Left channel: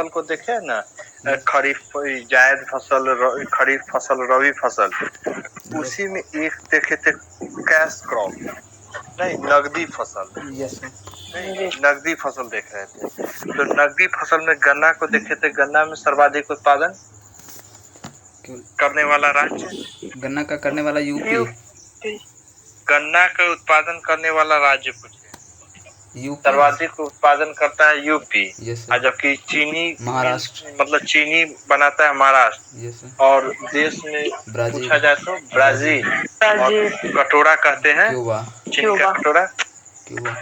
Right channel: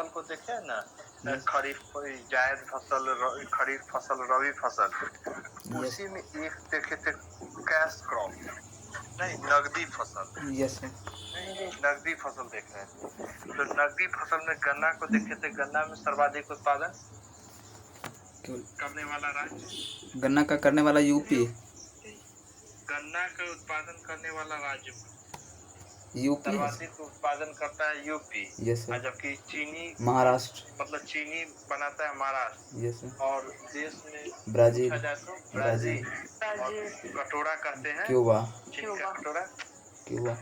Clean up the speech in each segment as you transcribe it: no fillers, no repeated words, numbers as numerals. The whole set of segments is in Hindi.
फसल को देखे ना, खरीफ जायद फसल, खरीफ फसल, रबी फसल, उसी में एक देखे थे कैश क्रॉप, नहीं नगदी फसल। Yes sir. नहीं, नगदी फसल देख रहे थे। तो नगदी फसल में गन्ना को देखे थे, गन्ना में सर्वाधिक उत्पादन करने वाला राज्य, गन्ना का करने वाला यूपी। गन्ना का उत्पादन करने वाला राज्य पूछे, यूपी सर्वाधिक उत्पादन करता है यूपी। यस और सर। जबकि चीनी, महाराष्ट्र, मतलब चीनी बनाता है महाराष्ट्र। Yes sir. और देश में ब्राजील, पूछा जाए तो ब्राजील। और कटोरा कहते हैं क्यूबा, चीनी का कटोरा। क्यूबा।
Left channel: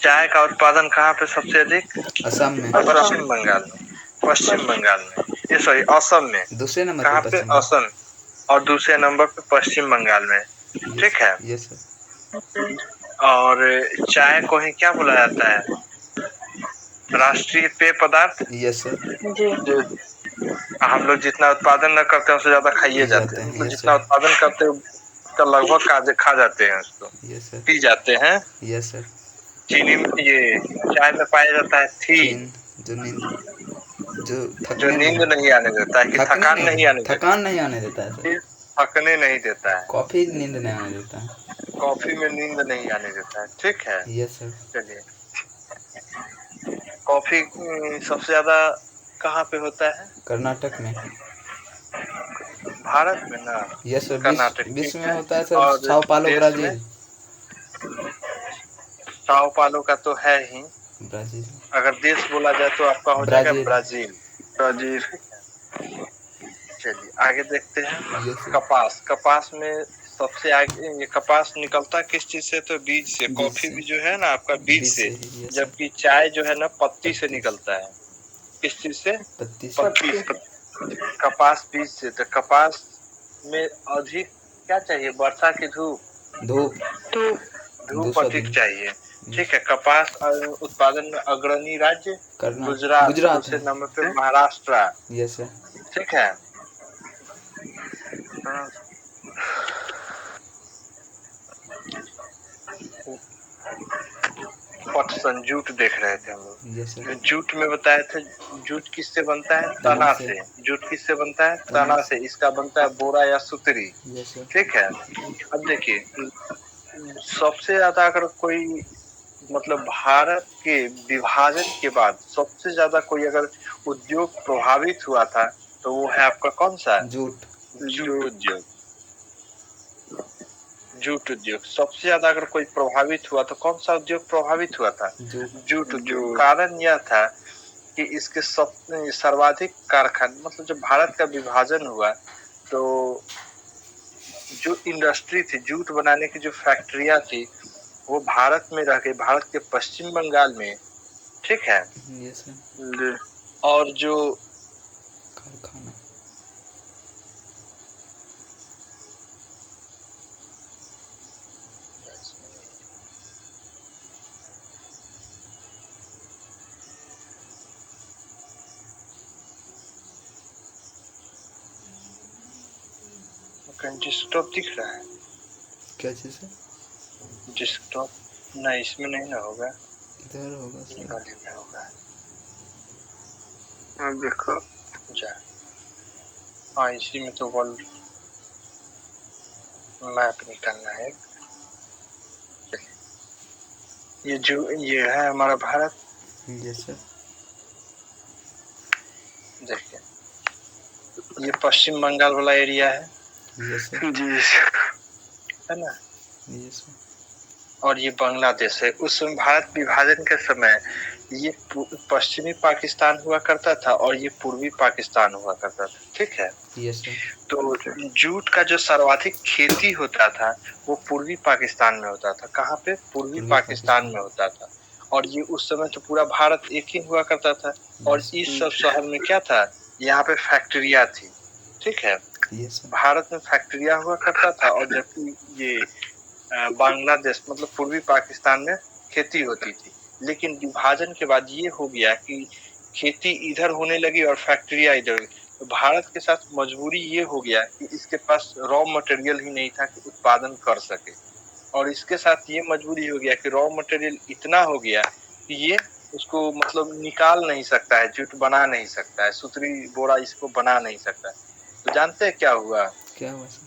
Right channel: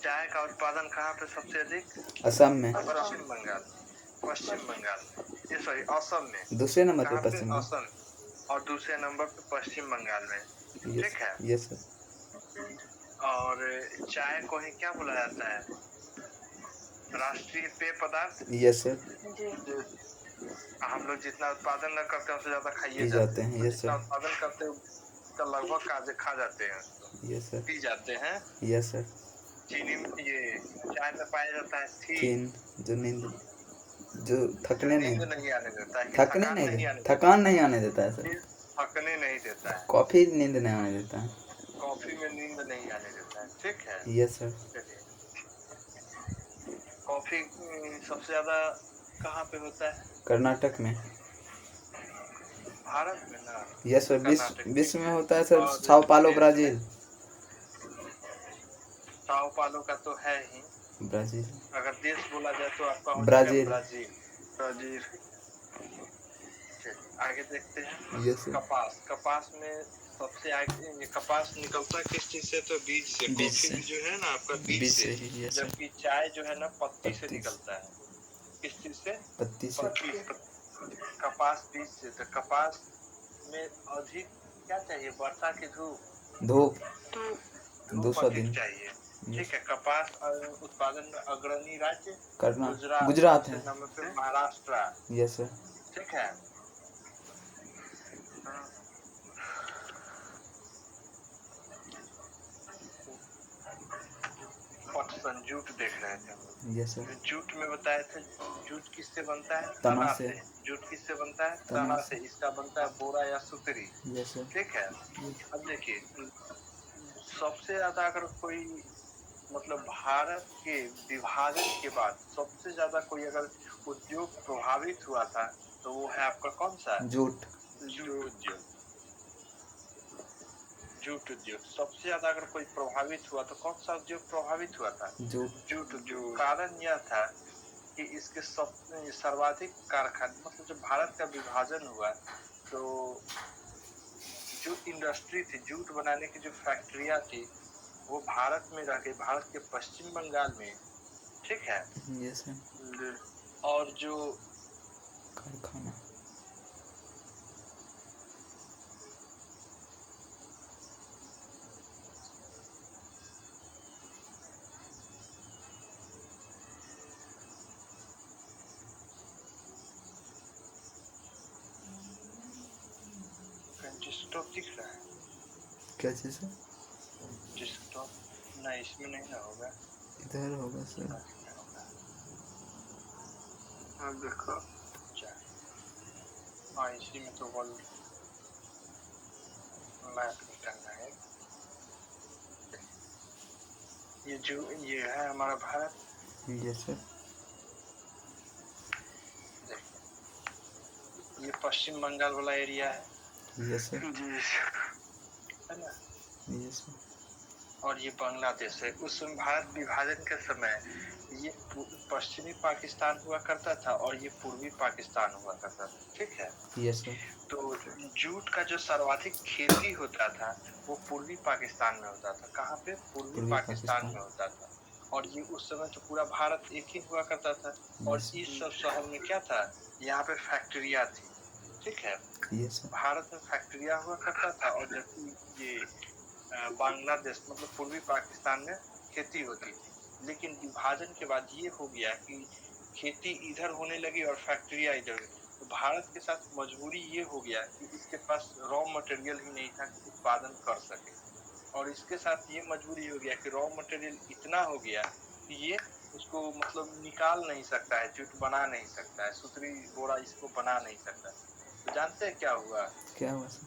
चाय का उत्पादन कहाँ पे सबसे अधिक? असम में, पश्चिम बंगाल में, पश्चिम बंगाल में, ये सॉरी असम में। दूसरे नंबर कहाँ पे पे? पश्चिम असम। और दूसरे नंबर पे पश्चिम बंगाल में। ठीक है। Yes sir. और चाय को ही क्या बोला जाता है? राष्ट्रीय पेय पदार्थ। Yes sir. जो हम लोग जितना उत्पादन न करते हैं उससे ज्यादा खाइए जाते हैं। तो जितना उत्पादन करते हैं उसका लगभग खा जाते हैं उसको। Yes sir. पी जाते हैं। Yes sir. चीनी में, ये चाय में पाया जाता है थीन, जो नींद, जो नींद नहीं आने देता है, कि थकान नहीं आने देता, थकान नहीं आने देता है सर। थकने नहीं देता है। कॉफी नींद नहीं आने देता है। कॉफी में नींद नहीं आने देता है। ठीक है। Yes sir. चलिए, कॉफी सबसे ज्यादा कहाँ पे होता है? कर्नाटक में। भारत में ना? Yes sir. कर्नाटक विश्व में होता है सर। और साओ पालो, देश ब्राजील। में? साओ पालो का तो है ही ब्राजील। अगर देश बोला जाए तो आपका हो जाएगा ब्राजील। ब्राजील। चलिए आगे देखते हैं। कपास, कपास में सबसे आगे ये कपास निकलता किस चीज से? तो बीज से। कॉफी भी जो है ना आपका बीज से, जबकि चाय जो है ना पत्ती से निकलता है। किस चीज से? पत्ती से। कपास बीज से। तो कपास में अधिक क्या चाहिए? वर्षा की धूप, धूप अधिक चाहिए। ठीक है। कपास उत्पादन में अग्रणी राज्य गुजरात, दूसरे नंबर पे महाराष्ट्र। Yes sir. ठीक है। पटसन, जूट देख रहे थे हम लोग। Yes sir. जूट में बताए थे, जूट किससे बनता है? तना से। जूट किससे बनता है? तना से। इसका बनता है बोरा या सुतरी। ठीक है। अब देखिए, सबसे ज्यादा अगर कोई, मतलब भारत के विभाजन के बाद सबसे ज्यादा कोई अगर उद्योग प्रभावित हुआ था तो वो है आपका कौन सा? जूट। जूट उद्योग। जूट उद्योग सबसे ज्यादा अगर कोई प्रभावित हुआ तो कौन सा उद्योग प्रभावित हुआ था? जूट उद्योग। कारण यह था कि इसके सर्वाधिक कारखाने, मतलब जब भारत का विभाजन हुआ तो जो इंडस्ट्री थी, जूट बनाने की जो फैक्ट्रियां थी, वो भारत में रह गई, भारत के पश्चिम बंगाल में। ठीक है। और जो कारखाना, डेस्कटॉप दिख रहा है? क्या चीज है? डेस्कटॉप नहीं, इसमें नहीं ना होगा, इधर होगा, इधर होगा। हाँ देखो जा, हाँ इसी में तो वर्ल्ड मैप निकालना है। ये है हमारा भारत। Yes sir. देखिए, ये पश्चिम बंगाल वाला एरिया है। Yes sir. जी है ना? Yes sir. और ये बांग्लादेश है। उस समय भारत विभाजन के समय ये पश्चिमी पाकिस्तान हुआ करता था और ये पूर्वी पाकिस्तान हुआ करता था। ठीक है। Yes sir. तो जूट का जो सर्वाधिक खेती होता था वो पूर्वी पाकिस्तान में होता था। कहाँ पे? पूर्वी पाकिस्तान में होता था। और ये उस समय तो पूरा भारत एक ही हुआ करता था। और इस सब शहर में क्या था? यहाँ पे फैक्ट्रिया थी। ठीक है। भारत में फैक्ट्रिया हुआ करता था और जबकि ये बांग्लादेश, मतलब पूर्वी पाकिस्तान में खेती होती थी। लेकिन विभाजन के बाद ये हो गया कि खेती इधर होने लगी और फैक्ट्रिया इधर। तो भारत के साथ मजबूरी ये हो गया कि इसके पास रॉ मटेरियल ही नहीं था कि उत्पादन कर सके। और इसके साथ ये मजबूरी हो गया कि रॉ मटेरियल इतना हो गया कि ये उसको मतलब निकाल नहीं सकता है, जूट बना नहीं सकता है, सुतरी बोरा इसको बना नहीं सकता है। तो जानते हैं क्या हुआ? क्या हुआ सर?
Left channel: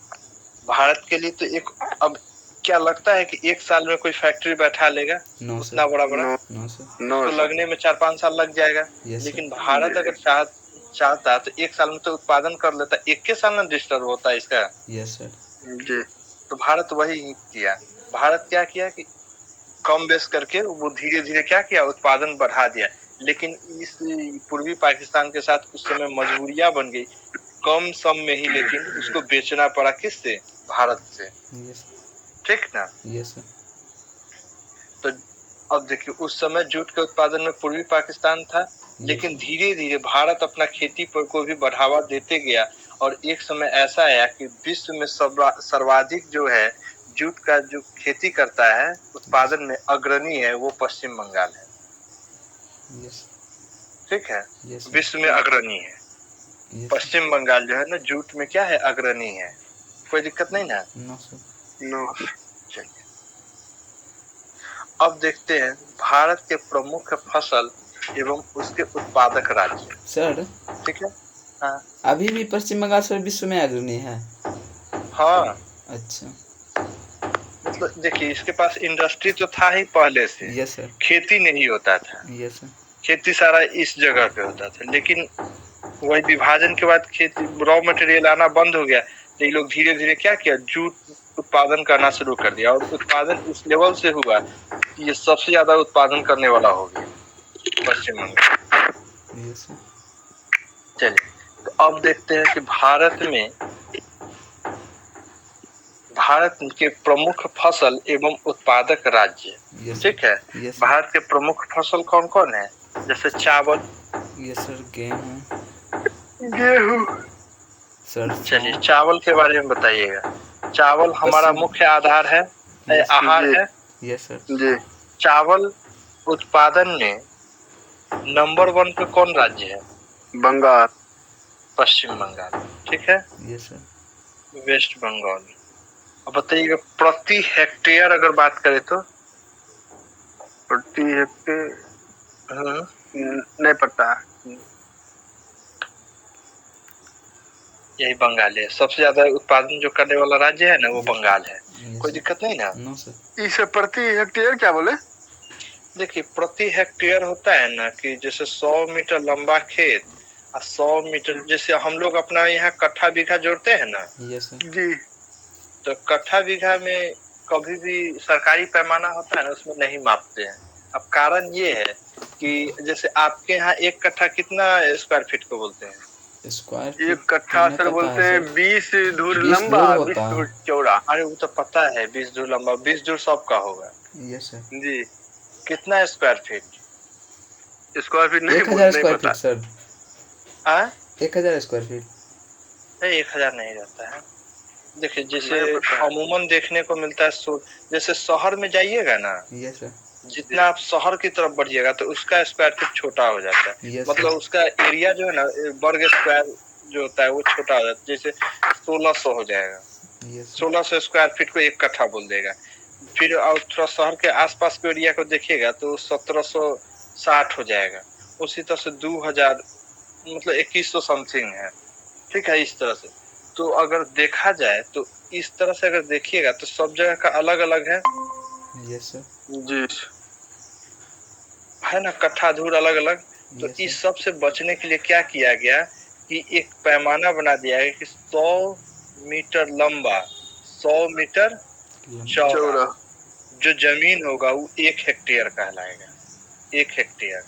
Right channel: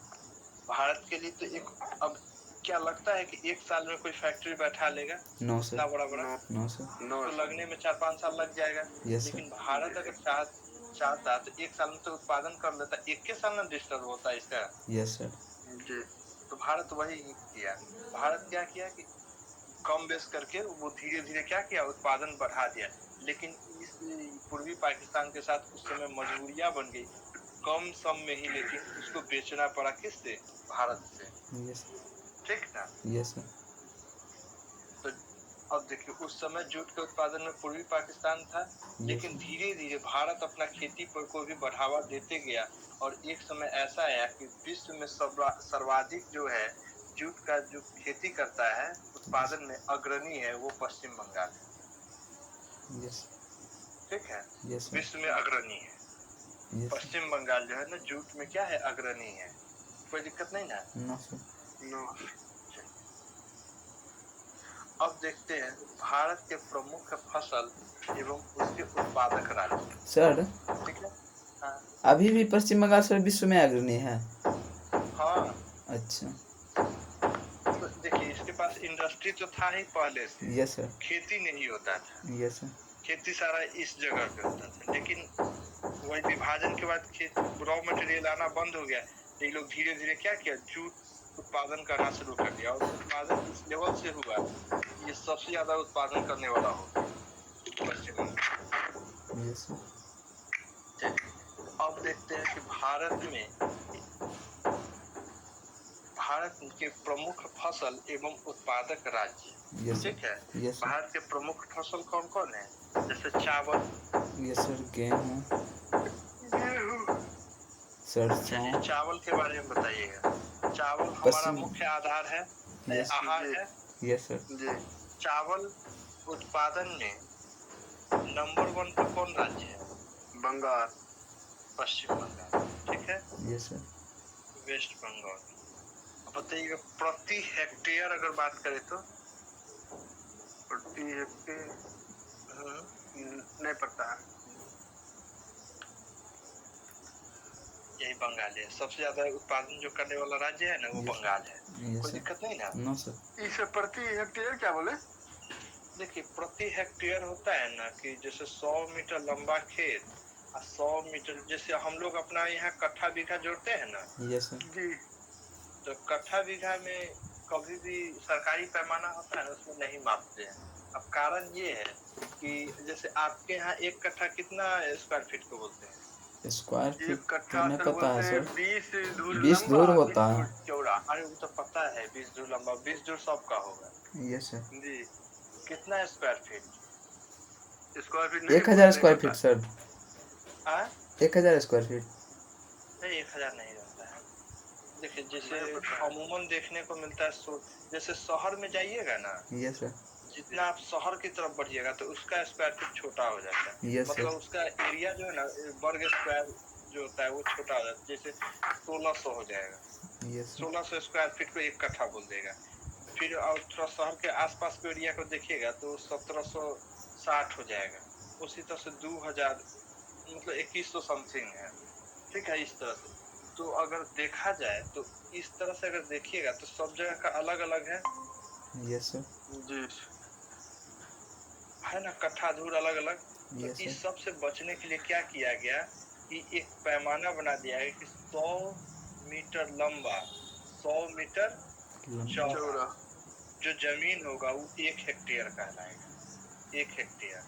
भारत के लिए तो एक, अब क्या लगता है कि 1 साल में कोई फैक्ट्री बैठा लेगा? नो उतना सर, बड़ा-बड़ा? नो सर, तो लगने में 4-5 साल लग जाएगा। यस सर, लेकिन भारत अगर चाहता तो 1 साल में तो उत्पादन कर लेता, 1 साल में डिस्टर्ब होता है इसका। यस सर, जी। तो भारत वही किया। भारत क्या किया कि कम बेस करके वो धीरे-धीरे क्या किया, उत्पादन बढ़ा दिया। लेकिन इस पूर्वी पाकिस्तान के साथ उस समय मजबूरियां बन गई, कम सम में ही, लेकिन उसको बेचना पड़ा किससे? भारत से। यस, ठीक ना? यस सर, तो अब देखिए उस समय जूट के उत्पादन में पूर्वी पाकिस्तान था, लेकिन धीरे धीरे भारत अपना खेती पर को भी बढ़ावा देते गया और एक समय ऐसा आया कि विश्व में सर्वाधिक जो है जूट का जो खेती करता है, उत्पादन में अग्रणी है, वो पश्चिम बंगाल है। यस, ठीक है, यस, विश्व में अग्रणी है। यस, पश्चिम बंगाल जो है ना जूट में क्या है, अग्रणी है। कोई दिक्कत नहीं ना? No sir, no. चलिए अब देखते हैं भारत के प्रमुख फसल एवं उसके उत्पादक राज्य। सर ठीक है। हाँ अभी भी पश्चिम बंगाल सर विश्व में अग्रणी है? हाँ, अच्छा, मतलब देखिए इसके पास इंडस्ट्री तो था ही पहले से, यस सर, खेती नहीं होता था, यस सर, खेती सारा इस जगह पे होता था, लेकिन वही विभाजन के बाद खेती रॉ मटेरियल आना बंद हो गया, तो ये लोग धीरे धीरे क्या किया, जूट उत्पादन करना शुरू कर दिया और उत्पादन इस लेवल से हुआ कि ये सबसे ज्यादा उत्पादन करने वाला हो गया पश्चिम बंगाल। यस सर, चलिए तो अब देखते हैं कि भारत के प्रमुख फसल एवं उत्पादक राज्य। यस ठीक है, यस भारत के प्रमुख फसल कौन कौन है? जैसे चावल, यस सर, गेहूँ, गेहूं। सरसों, चलिए चावल के बारे में बताइएगा। चावल हमारा मुख्य आधार है, यस आहार है। यस सर, जी। चावल उत्पादन में नंबर 1 पे कौन राज्य है? बंगाल, पश्चिम बंगाल। ठीक है, यस सर, वेस्ट बंगाल। अब बताइएगा प्रति हेक्टेयर अगर बात करें तो? प्रति हेक्टेयर नहीं पता। यही बंगाल है, सबसे ज्यादा उत्पादन जो करने वाला राज्य है ना वो बंगाल है। कोई दिक्कत नहीं ना? नो सर, इसे प्रति हेक्टेयर क्या बोले? देखिए प्रति हेक्टेयर होता है ना कि जैसे 100 मीटर लंबा खेत और 100 मीटर, जैसे हम लोग अपना यहाँ कट्ठा बीघा जोड़ते हैं ना। यस सर, जी। तो कट्ठा बीघा में कभी भी सरकारी पैमाना होता है ना, उसमें नहीं मापते हैं। अब कारण ये है कि जैसे आपके यहाँ 1 कट्ठा कितना स्क्वायर फीट को बोलते हैं? स्क्वायर 1 फीट कट्ठा सर बोलते हैं 20 धुर लंबा, 20 धुर चौड़ा। अरे वो तो पता है 20 धुर लंबा, 20 धुर सबका होगा। यस सर, जी। कितना स्क्वायर फीट? स्क्वायर फीट नहीं, 1000 square feet sir, 1000 square feet. 1000 नहीं रहता है। देखिए जैसे अमूमन देखने को मिलता है, जैसे शहर में जाइएगा ना, यस सर, जितना आप शहर की तरफ बढ़िएगा तो उसका स्क्वायर फीट छोटा हो जाता है। यस मतलब उसका एरिया जो है ना, वर्ग स्क्वायर जो होता है वो छोटा हो जाता है। जैसे 1600 हो जाएगा, यस 1600 स्क्वायर फीट को 1 कट्ठा बोल देगा। फिर और थोड़ा शहर के आसपास के एरिया को देखिएगा तो 1760 हो जाएगा। उसी तरह से 2000, मतलब 2100 समथिंग है। ठीक है, इस तरह से। तो अगर देखा जाए तो इस तरह से अगर देखिएगा तो सब जगह का अलग अलग है। यस सर, जी, है ना, कट्ठा धूर अलग अलग। तो यस इस सब से बचने के लिए क्या किया गया कि एक पैमाना बना दिया गया कि 100 मीटर लंबा, 100 मीटर चौड़ा जो जमीन होगा वो 1 हेक्टेयर कहलाएगा। 1 हेक्टेयर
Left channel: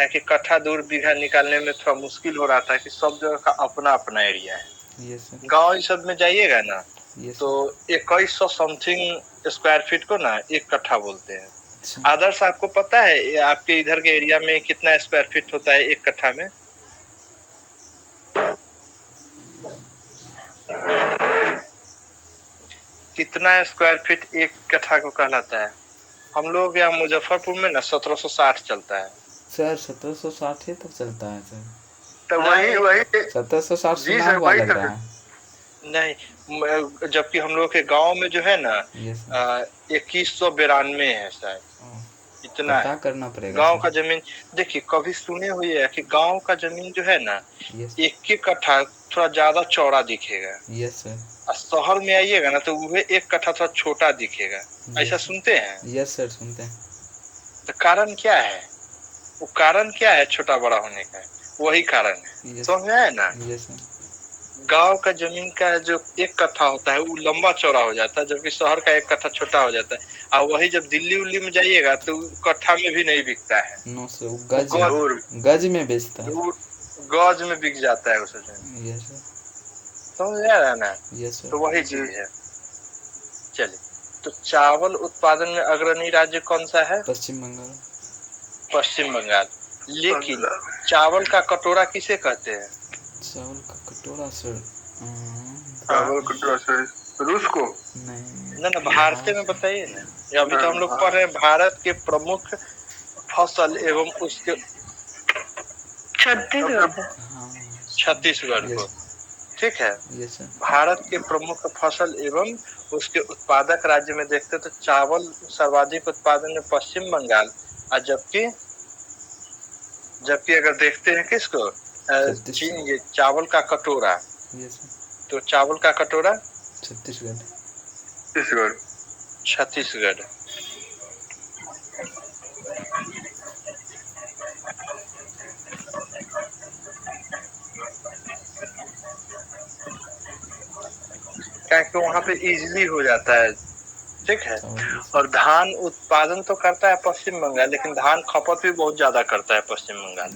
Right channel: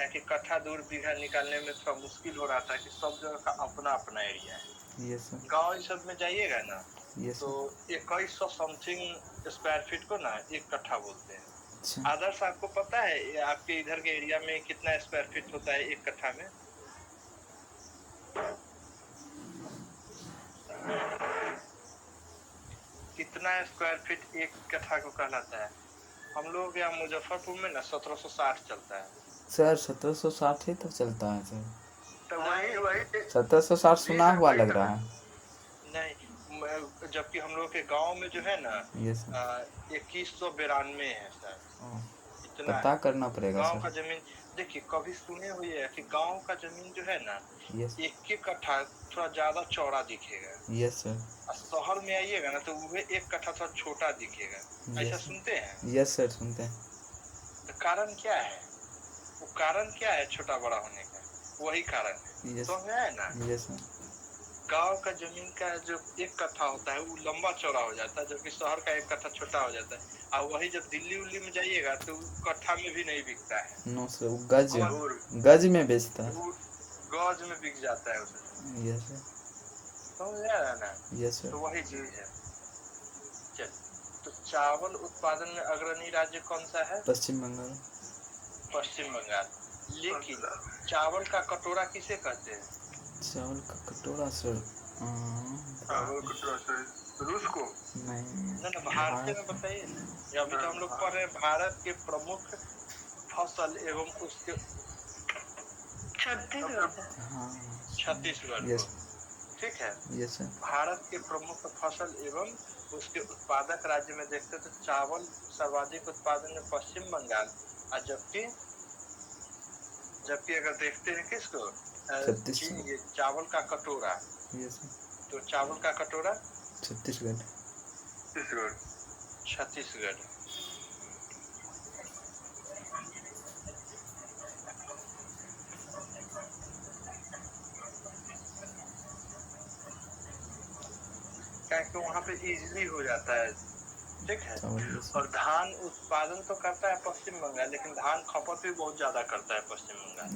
है कि कट्ठा दूर बीघा निकालने में थोड़ा मुश्किल हो रहा था कि सब जगह का अपना अपना एरिया है। यस सर, गांव इस सब में जाइएगा ना यस तो 2100 समथिंग स्क्वायर फीट को ना 1 कट्ठा बोलते हैं। सर, आदर्श आपको पता है आपके इधर के एरिया में कितना स्क्वायर फीट होता है 1 कट्ठा में? कितना स्क्वायर फीट 1 कट्ठा को कहलाता है? हम लोग यहाँ मुजफ्फरपुर में ना 1760 चलता है सर 1760 ही तो चलता है सर। तो वही 1760 सुना हुआ लग रहा है। नहीं, जबकि हम लोग के गांव में जो है ना यस सर, 2192 है शायद। इतना पता है। करना पड़ेगा गांव सर। का जमीन देखिए, कभी सुने हुए है कि गांव का जमीन जो है ना, यस 1 कट्ठा थोड़ा ज्यादा चौड़ा दिखेगा, यस सर। और शहर में आइएगा ना तो वह 1 कट्ठा थोड़ा छोटा दिखेगा। ऐसा सुनते हैं? यस सर, सुनते हैं। तो कारण क्या है? वो कारण क्या है छोटा बड़ा होने का? वही कारण है, समझ में आया ना? Yes sir. गांव का जमीन का जो 1 कट्ठा होता है वो लंबा चौड़ा हो जाता है, जबकि शहर का 1 कट्ठा छोटा हो जाता है। और वही जब दिल्ली उल्ली में जाइएगा तो कट्ठा में भी नहीं बिकता है। नो सर, वो गज में बेचता है। गज में बिक जाता है उस जमीन। Yes sir. समझ आ रहा है ना? Yes sir. तो वही चीज है। चलिए, तो चावल उत्पादन में अग्रणी राज्य कौन सा है? पश्चिम बंगाल। पश्चिम बंगाल। लेकिन चावल का कटोरा किसे कहते हैं? चावल का कटोरा सर, चावल कटोरा सर, रूस को? नहीं ना भारतीय में बताइए ना। अभी तो हम लोग पढ़ रहे हैं भारत के प्रमुख फसल एवं उसके छत्तीसगढ़ को, ठीक है। Yes sir. भारत के प्रमुख फसल एवं उसके उत्पादक राज्य में देखते तो चावल सर्वाधिक उत्पादन में पश्चिम बंगाल, और जबकि अगर देखते हैं किसको, चीन, ये चावल का कटोरा, तो चावल का कटोरा छत्तीसगढ़। क्योंकि वहाँ पे इजीली हो जाता है, ठीक है। और धान उत्पादन तो करता है पश्चिम बंगाल, लेकिन धान खपत भी बहुत ज्यादा करता है पश्चिम बंगाल।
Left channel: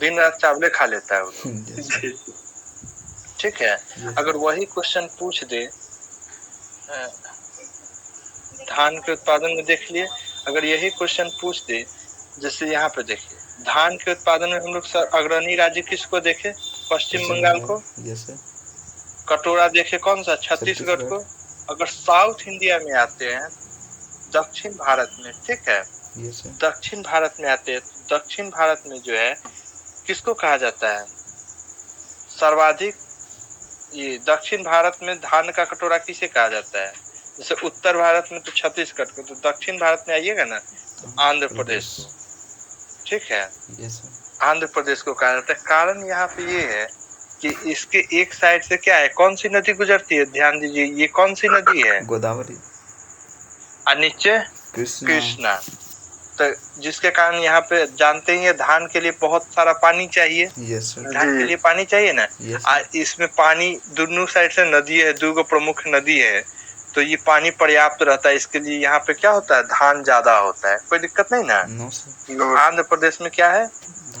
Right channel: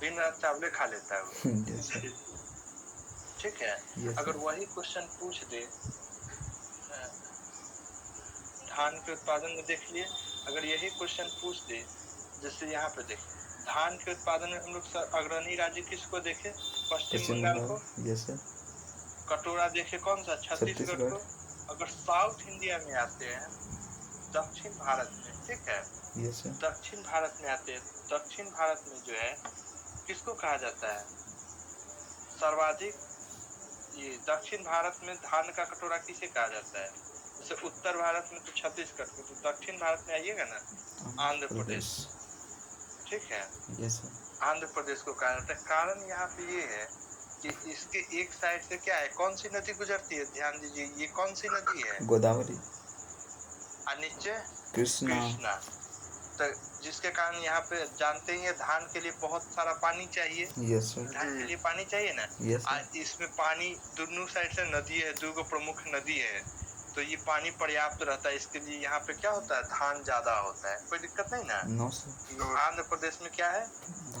दिन रात चावले खा लेता है वो। ठीक है। अगर वही क्वेश्चन पूछ दे, धान के उत्पादन में देख लिए, अगर यही क्वेश्चन पूछ दे, जैसे यहाँ पे देखिए, धान के उत्पादन में हम लोग अग्रणी राज्य किसको देखे? पश्चिम बंगाल को। कटोरा देखे कौन सा? छत्तीसगढ़ को। अगर साउथ इंडिया में आते हैं, दक्षिण भारत में, ठीक है, दक्षिण भारत में आते हैं, दक्षिण भारत में जो है किसको कहा जाता है सर्वाधिक? ये दक्षिण भारत में धान का कटोरा किसे कहा जाता है? जैसे उत्तर भारत में तो छत्तीसगढ़ को, तो दक्षिण भारत में आइएगा ना तो आंध्र प्रदेश को, ठीक है। आंध्र प्रदेश को कहा जाता है। कारण यहाँ पे ये है कि इसके एक साइड से क्या है, कौन सी नदी गुजरती है? ध्यान दीजिए, ये कौन सी नदी है? गोदावरी। और नीचे कृष्णा। तो जिसके कारण यहाँ पे जानते ही है धान के लिए बहुत सारा पानी चाहिए। धान के लिए पानी चाहिए ना। इसमें पानी दोनों साइड से नदी है, 2 प्रमुख नदी है, तो ये पानी पर्याप्त रहता है। इसके लिए यहाँ पे क्या होता है, धान ज्यादा होता है, कोई दिक्कत नहीं ना। आंध्र प्रदेश में क्या है,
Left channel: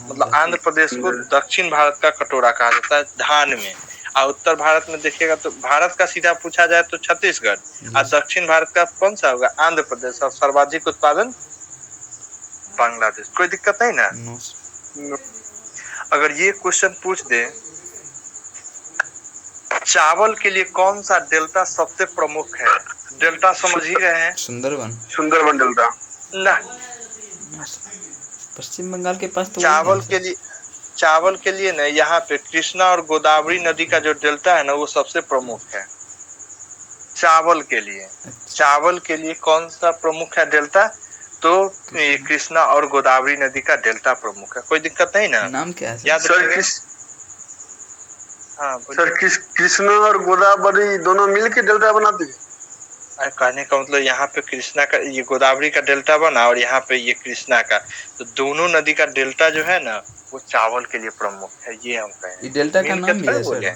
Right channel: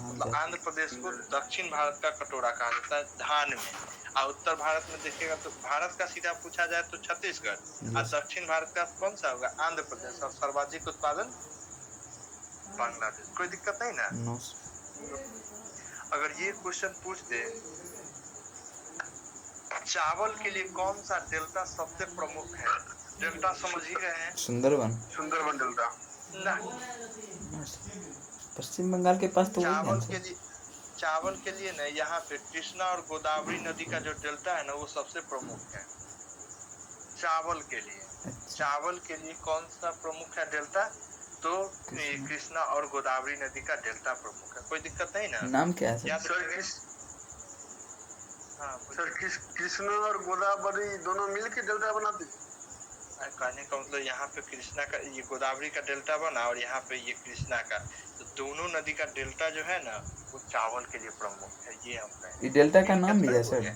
मतलब आंध्र प्रदेश को दक्षिण भारत का कटोरा कहा जाता है धान में। और उत्तर भारत में देखिएगा तो भारत का सीधा पूछा जाए तो छत्तीसगढ़, और दक्षिण भारत का कौन सा होगा? आंध्र प्रदेश। और सर्वाधिक उत्पादन बांग्लादेश। कोई दिक्कत नहीं ना। अगर ये क्वेश्चन पूछ दे, चावल के लिए कौन सा डेल्टा सबसे प्रमुख है? डेल्टा समझ ही रहे हैं, सुंदरबन डेल्टा ना। पश्चिम बंगाल के पास तो चावल के लिए ना यहाँ पे कृष्णा और गोदावरी नदी का जो डेल्टा है ना वो सबसे प्रमुख है चावल के लिए। चावल के लिए कौन सा प्रमुख है डेल्टा? तो कृष्णा और गोदावरी नदी का डेल्टा प्रमुख है। कोई दिक्कत नहीं ना। नाम क्या है याद सर? सर कृष्णा और गोदावरी दोनों मिलके डेल्टा बनाते हैं। कहने का मतलब यहाँ पे कृष्णा का, ये गोदावरी का डेल्टा बना और यहाँ पे ये कृष्णा का, तो दोनों नदी का डेल्टा जो है ना वो चावल के लिए प्रमुख है। ये हम कहें। ये डेल्टा का नाम भी है सर?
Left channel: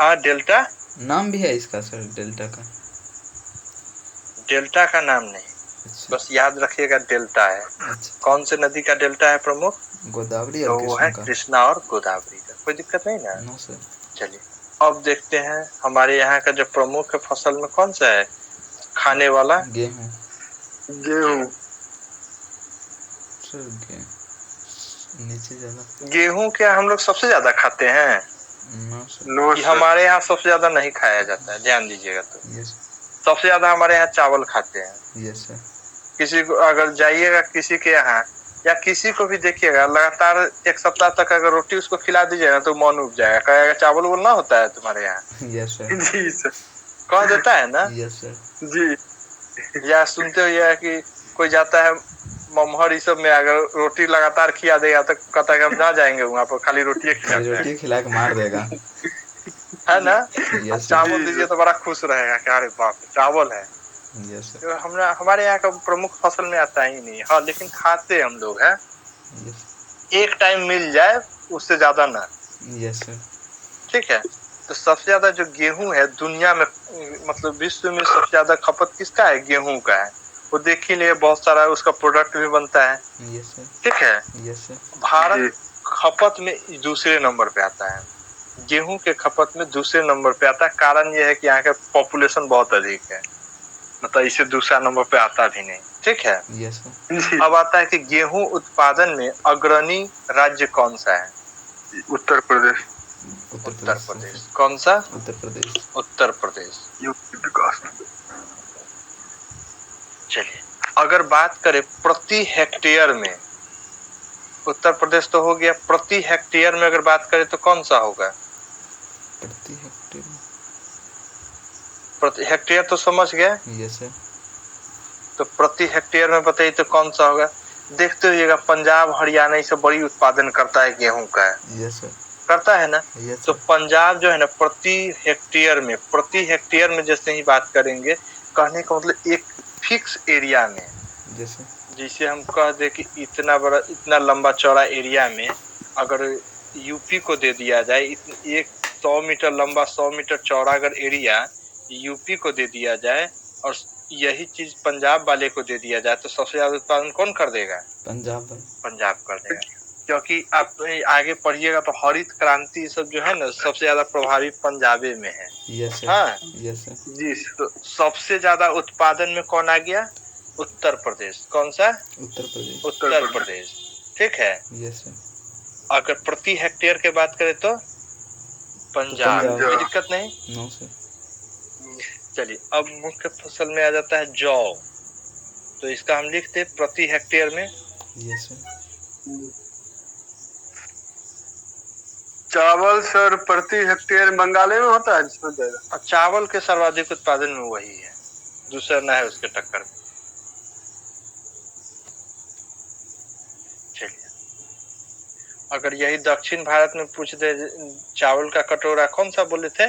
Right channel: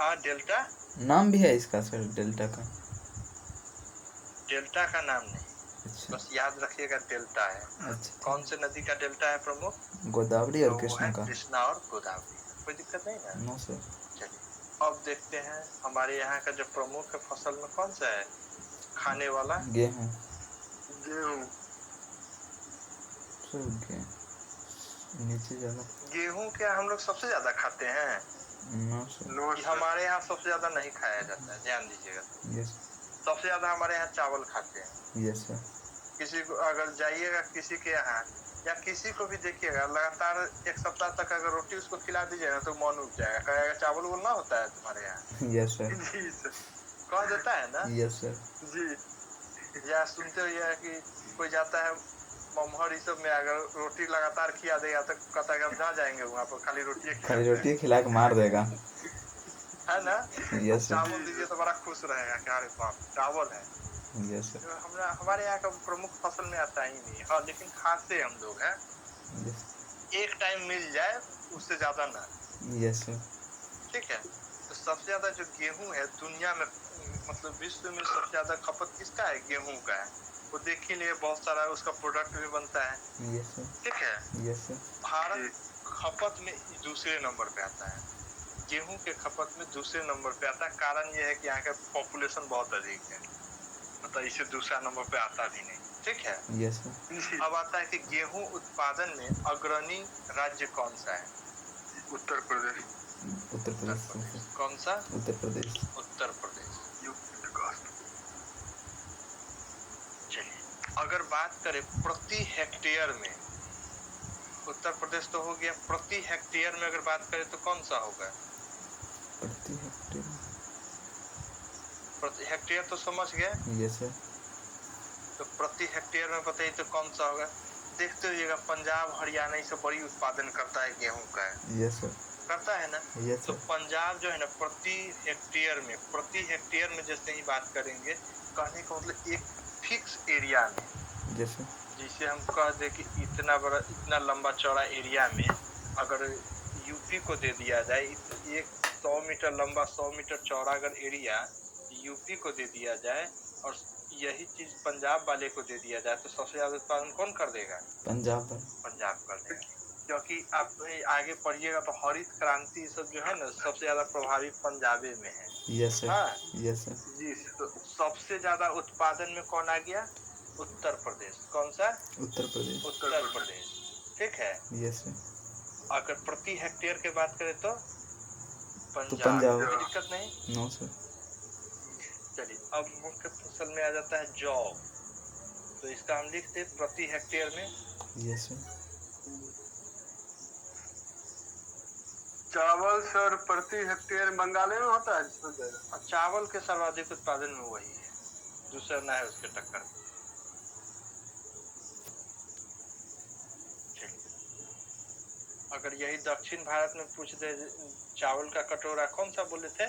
हाँ, डेल्टा नाम भी है इसका सर, डेल्टा का? डेल्टा का नाम नहीं, बस याद रखिएगा डेल्टा है। कौन से नदी का डेल्टा है प्रमुख? गोदावरी और कृष्णा का। कृष्णा और गोदावरी का। कोई दिक्कत नहीं ना। No sir. चलिए अब देखते हैं हमारे यहाँ का जो प्रमुख फसल में कौन सा है खाने वाला? गेहूं। नीचे ज्यादा गेहूं क्या हम लोग सबसे ज्यादा खाते हैं? No sir. हमारे यहाँ सबसे ज्यादा नहीं खाया जाता है, ध्यान दीजिएगा। तो सबसे ज्यादा हमारे यहाँ चावल खाते हैं। Yes sir. किसी को अगर जाइएगा किसी के यहाँ या किसी को भी देखिएगा, लगातार 1 सप्ताह तक अगर रोटी उसको खिला दीजिएगा तो मन उब जाएगा, कहेगा चावल बोलना होता है तुम्हारे यहाँ। Yes sir. जी सर, कह देता है ना। Yes sir. जी। या सुनते हो या कि कोई जाता है ममहर इस सब में, अगर रोटी लगातार खिला देगा तो कहता है कि हम ना जाएंगे वहाँ पर, खाली रोटी खिला के मार देगा, है ना। यस चावल दीजिए तो बड़ा खुश रहेगा कि अरे बाप चावल है। यस तो हमारे यहाँ का प्रमुख फसल में आता ही नहीं। हाँ लेकिन खाते हम लोग हैं, एक टाइम मिल जाए उससे ज्यादा ना। Yes sir. ठीक है। तो सबसे ज्यादा जो गेहूं है दुनिया में, मतलब विश्व में सबसे ज्यादा खपत किसका है? गेहूं का है। वो देख ही लिए, बहुत सारा उसका प्रोडक्ट भी बनता है। Yes sir. ठीक है। Yes sir. भारत खपत में दूसरे नंबर पे आता है, गेहूं के खपत में दूसरे नंबर पे आता है। कारण यह है कि यहाँ का पॉपुलेशन बहुत अधिक है, मतलब इसे दूसरा नंबर पे आता भी नहीं। ठीक है। Yes sir. अब आता है कि गेहूं उत्पादन में अग्रणी राज्य कौन सा है? उत्तर प्रदेश। उत्तर प्रदेश। कौन सा? उत्तर प्रदेश। उत्तर प्रदेश। चलिए, अगर बात करें प्रति हेक्टेयर में, उत्तर प्रदेश तो हो गया। प्रति हेक्टेयर में अगर बात करें तो कौन सा होगा? प्रति हेक्टेयर, प्रति हेक्टेयर तो समझ गए। Yes sir. तो प्रति हेक्टेयर में बताइए तो कौन सा होगा? देखते होइएगा, पंजाब हरियाणा ये सब बड़ी उत्पादन करता है गेहूं का। Yes sir. करता है ना। यस तो पंजाब जो है ना, प्रति हेक्टेयर में जैसे ही बात करेंगे, कहने का मतलब एक फिक्स एरिया में, जैसे हम कह दे कि इतना बड़ा इतना लंबा चौड़ा एरिया में अगर यूपी को दे दिया जाए, एक 100 मीटर लंबा 100 मीटर चौड़ा अगर एरिया यूपी को दे दिया जाए और यही चीज पंजाब वाले को दे दिया जाए, तो सबसे ज्यादा उत्पादन कौन कर देगा? पंजाब कर देगा। क्योंकि आप आगे पढ़िएगा तो हरित क्रांति सब जो है ना, सबसे ज्यादा प्रभावी पंजाबे में है। Yes sir. हाँ यस सर। जी। तो सबसे ज्यादा उत्पादन में कौन आ गया? उत्तर प्रदेश। कौन सा? उत्तर प्रदेश। उत्तर प्रदेश। ठीक है। Yes sir. अगर प्रति हेक्टेयर की बात करें तो पंजाब। कोई दिक्कत नहीं। No sir. चलिए, अब मुख्य फसल में आ जाता है जौ। तो इसका हम लिखते प्रति हेक्टेयर में। Yes sir. चावल सर प्रति हेक्टेयर बंगाल में होता है। चावल के सर्वाधिक उत्पादन में वही है, दूसरा ना है उसके टक्कर। चलिए, अगर यही दक्षिण भारत में पूछ दे, चावल का कटोरा कौन सा बोले थे?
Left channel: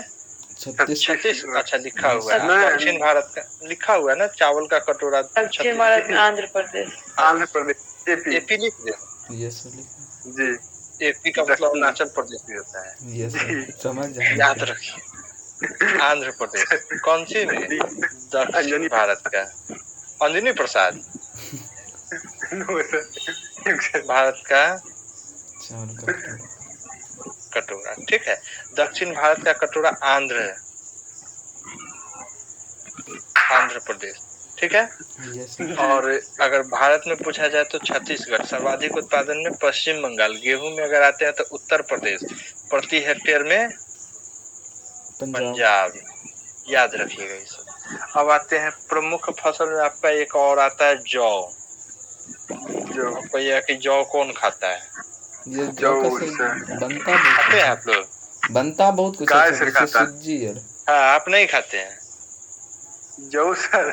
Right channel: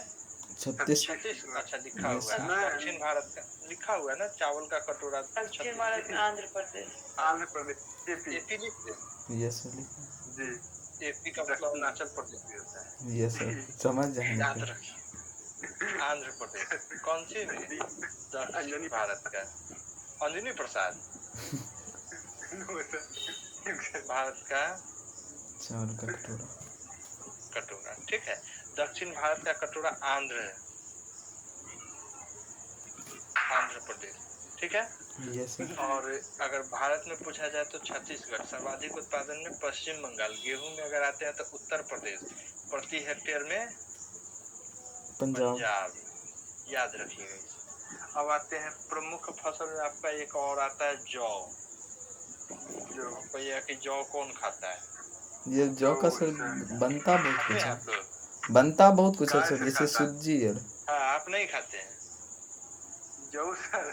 36। अच्छा, लिखा हुआ है दक्षिण भारत का, लिखा हुआ है ना चावल का कटोरा। दक्षिण भारत में आंध्र प्रदेश। एपी लिख दे। Yes sir. जी। एपी का मतलब अरुणाचल प्रदेश भी होता है। यस सर, समझ जाएंगे। याद रखिए। आंध्र प्रदेश कौन सी में? दक्षिण भारत का। अंजनी प्रसाद। भारत का चावल का कटोरा। ठीक है। दक्षिण भारत का कटोरा आंध्र प्रदेश। ठीक है। यस। और अगर भारत में पूछा जाए तो छत्तीसगढ़। सर्वाधिक उत्पादन में पश्चिम बंगाल। गेहूं में अगर आते हैं तो उत्तर प्रदेश। प्रति हेक्टेयर में पंजाब। याद रखिएगा ये सब। अब आते हैं प्रमुख फसल में, आपका एक और आता है जौ। भैया कि जौ कौन खाता है? ये जौ का बनता खाते हैं आप लोग? बनता बहुत कुछ है, जैसे सूजी और। हाँ, आप नहीं खाते हैं जौ सर?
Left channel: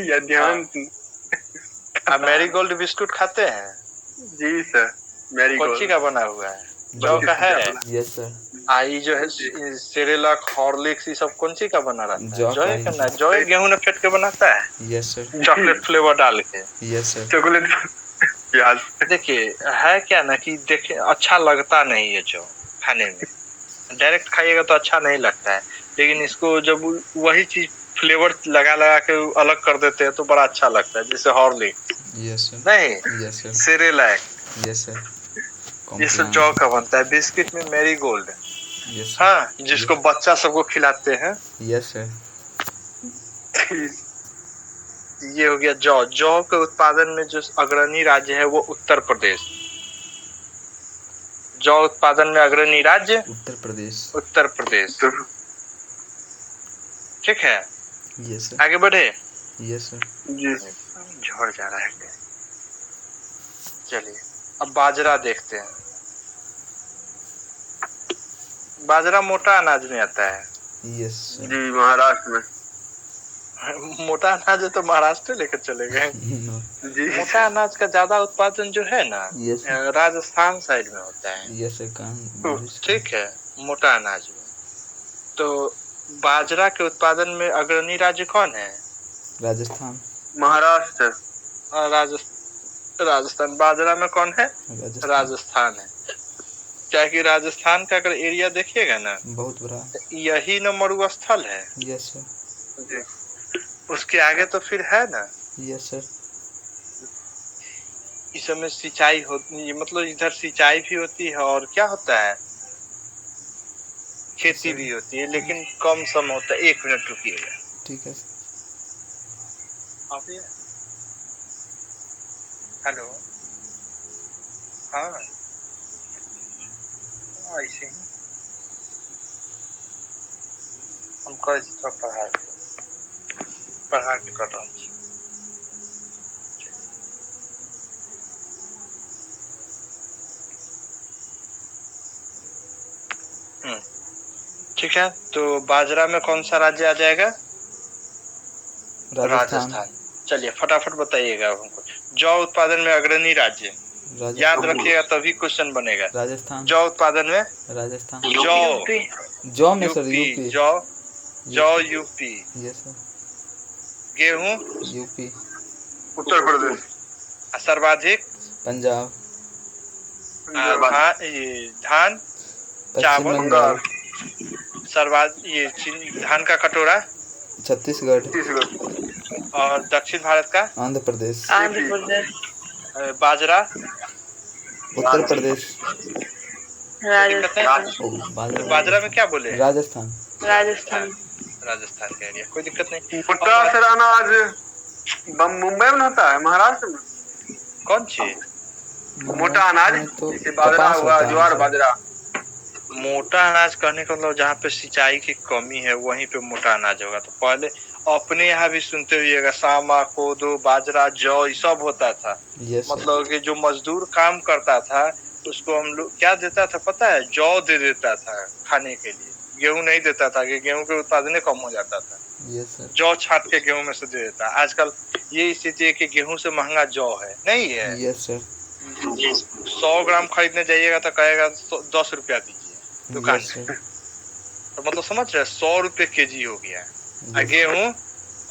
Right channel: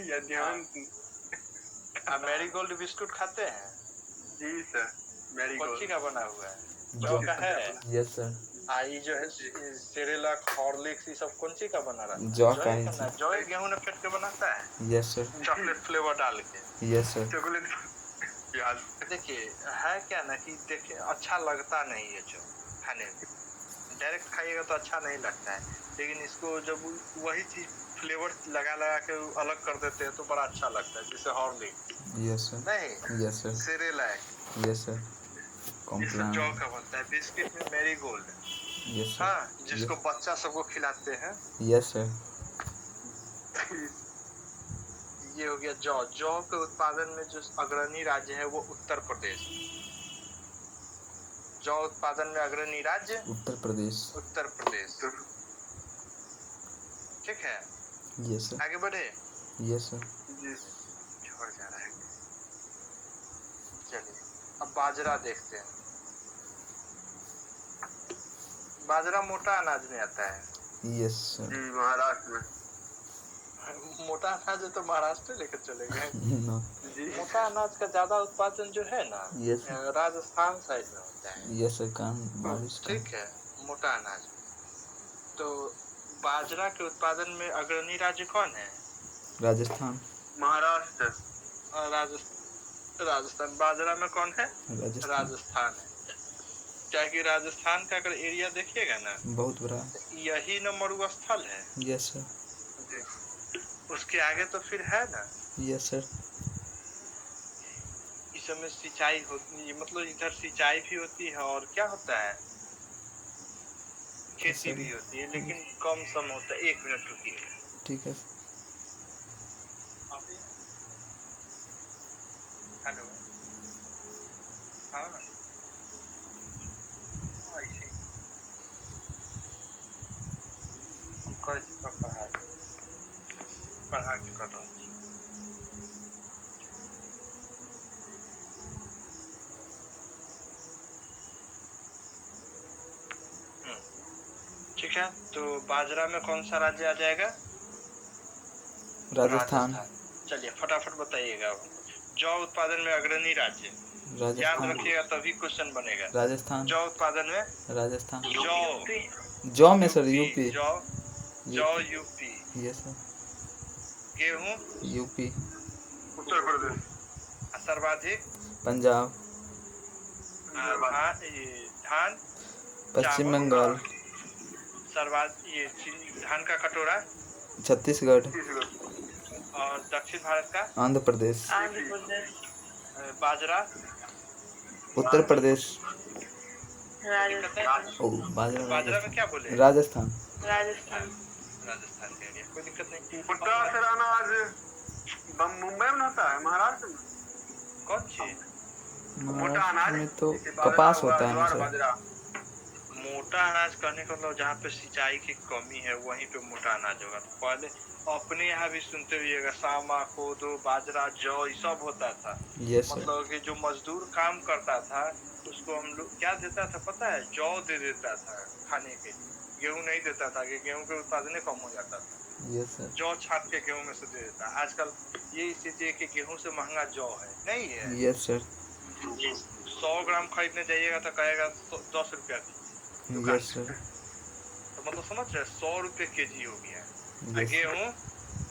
या ध्यान। आप मैरीगोल्ड बिस्कुट खाते हैं? जी सर। मैरीगोल्ड कौन सी का बना हुआ है? जौ का है। Yes sir. आई जो है सेरेलक हॉर्लिक्स ये सब कौन सी का बना रहता है? जौ का ना। जौ गेहूं ने फेंट के बनाता है। Yes sir. चॉकलेट फ्लेवर डाल के। Yes sir. चॉकलेट प्याज। देखिए है क्या ना कि देखिए अच्छा लगता नहीं है जौ खाने में, डायरेक्ट खाइएगा तो अच्छा नहीं लगता है, लेकिन इसको जब वही चीज फ्लेवर लगा लगा के अलग कर देते हैं तो बड़ा अच्छा लगता है, जैसे हॉर्लिक्स। Yes sir. नहीं। Yes sir. Cerelac. Yes sir. ये सब जौ का बनता है। बिस्किट में मैरीगोल्ड। Yes sir. हाँ, जिसको बच्चा सबको खिलाते हैं। Yes sir. ये हो गया जौ। जौ के उत्पादन में जो अग्रणी राज्य है वो उत्तर प्रदेश। जौ उत्पादन में अग्रणी राज्य उत्तर प्रदेश। उत्तर प्रदेश। ठीक है। Yes sir. आगे बढ़े। Yes sir. जी। झड़ जा रहा है। चलिए, अब बाजरा देखते हैं। बाजरा मोटा अनाज में आता है। Yes sir. जी, महाराष्ट्र में। मोटा अनाज है तो महाराष्ट्र लेकर चले गए। नो। जी मोटा अनाज का ज्यादा उत्पादन जो है ना यस राजस्थान साइड में होता है। यस सर, काम बारिश का। ठीक है, मोटा अनाज में। तो बाजरा के उत्पादन में अग्रणी राज्य कौन है? राजस्थान। महाराष्ट्र। राजस्थान। बाजरा में कौन है? राजस्थान है। क्या कि राजस्थान का अगर एरिया देखिएगा ना बहुत बड़ा, यही न मरुस्थल है। Yes sir. उसके आगे तो फिर है ना। Yes sir. इस समय सिंचाई होती, मतलब इधर सिंचाई भी होती है और क्या होता है, खेती भी होती है, लेकिन कम सम होता है। 1 मिनट रुकिएगा। ठीक है। हेलो। हाँ ऐसे हम कहे थोड़ा पढ़ा के कर रहा हूँ। ठीक है, तो बाजरा में कौन सा राज्य आ जाएगा? राजस्थान। चलिए फटाफट बताइएगा हमको। जौ उत्पादन में अग्रणी राज्य याद रखिएगा तभी क्वेश्चन बनेगा। राजस्थान। जौ उत्पादन में राजस्थान। जौ में सर यूपी। जौ यूपी। Yes sir. गेहूं यूपी। उत्तर प्रदेश। सर्वाधिक पंजाब। धान पश्चिम बंगाल। सर्वाधिक धान का कटोरा छत्तीसगढ़। और दक्षिण भारत का आंध्र प्रदेश। बाजरा उत्तर प्रदेश। राजस्थान। बाजरा में क्या बोले? राजस्थान। राजस्थान का एरिया, कोई दिक्कत नहीं। मोटा सर अनाज मुंबई में होता है, महाराष्ट्र में। कौन चीज? मोटा अनाज तो जैसे बाजरा हुआ, ज्वार बाजरा। मोटा अनाज कहने का मतलब जहाँ पे सिंचाई की कमी है वहीं पे मोटा अनाज होगा। तो पहले अपने यहाँ भी सुनते हुईएगा सामा, कोदो, बाजरा, जौ ये सब होता था। मतलब कि जो मजदूर काम करता था उसको हम लोग क्या देता था पता है? जौ दे देता था खाने के लिए। गेहूं नहीं देता था कि गेहूं के उत्पादन कम हो जाता था। जौ छाट के गेहूं में से दे देता। आजकल ये स्थिति है कि गेहूं से महंगा जौ है, नहीं है? Yes sir. 100 ग्राम खरीदने जाइएगा तो कहेगा 10 रुपया दीजिए दुकान में। तो मतलब समझ रहे, 100 रुपए केजी हो गया है। गेहूं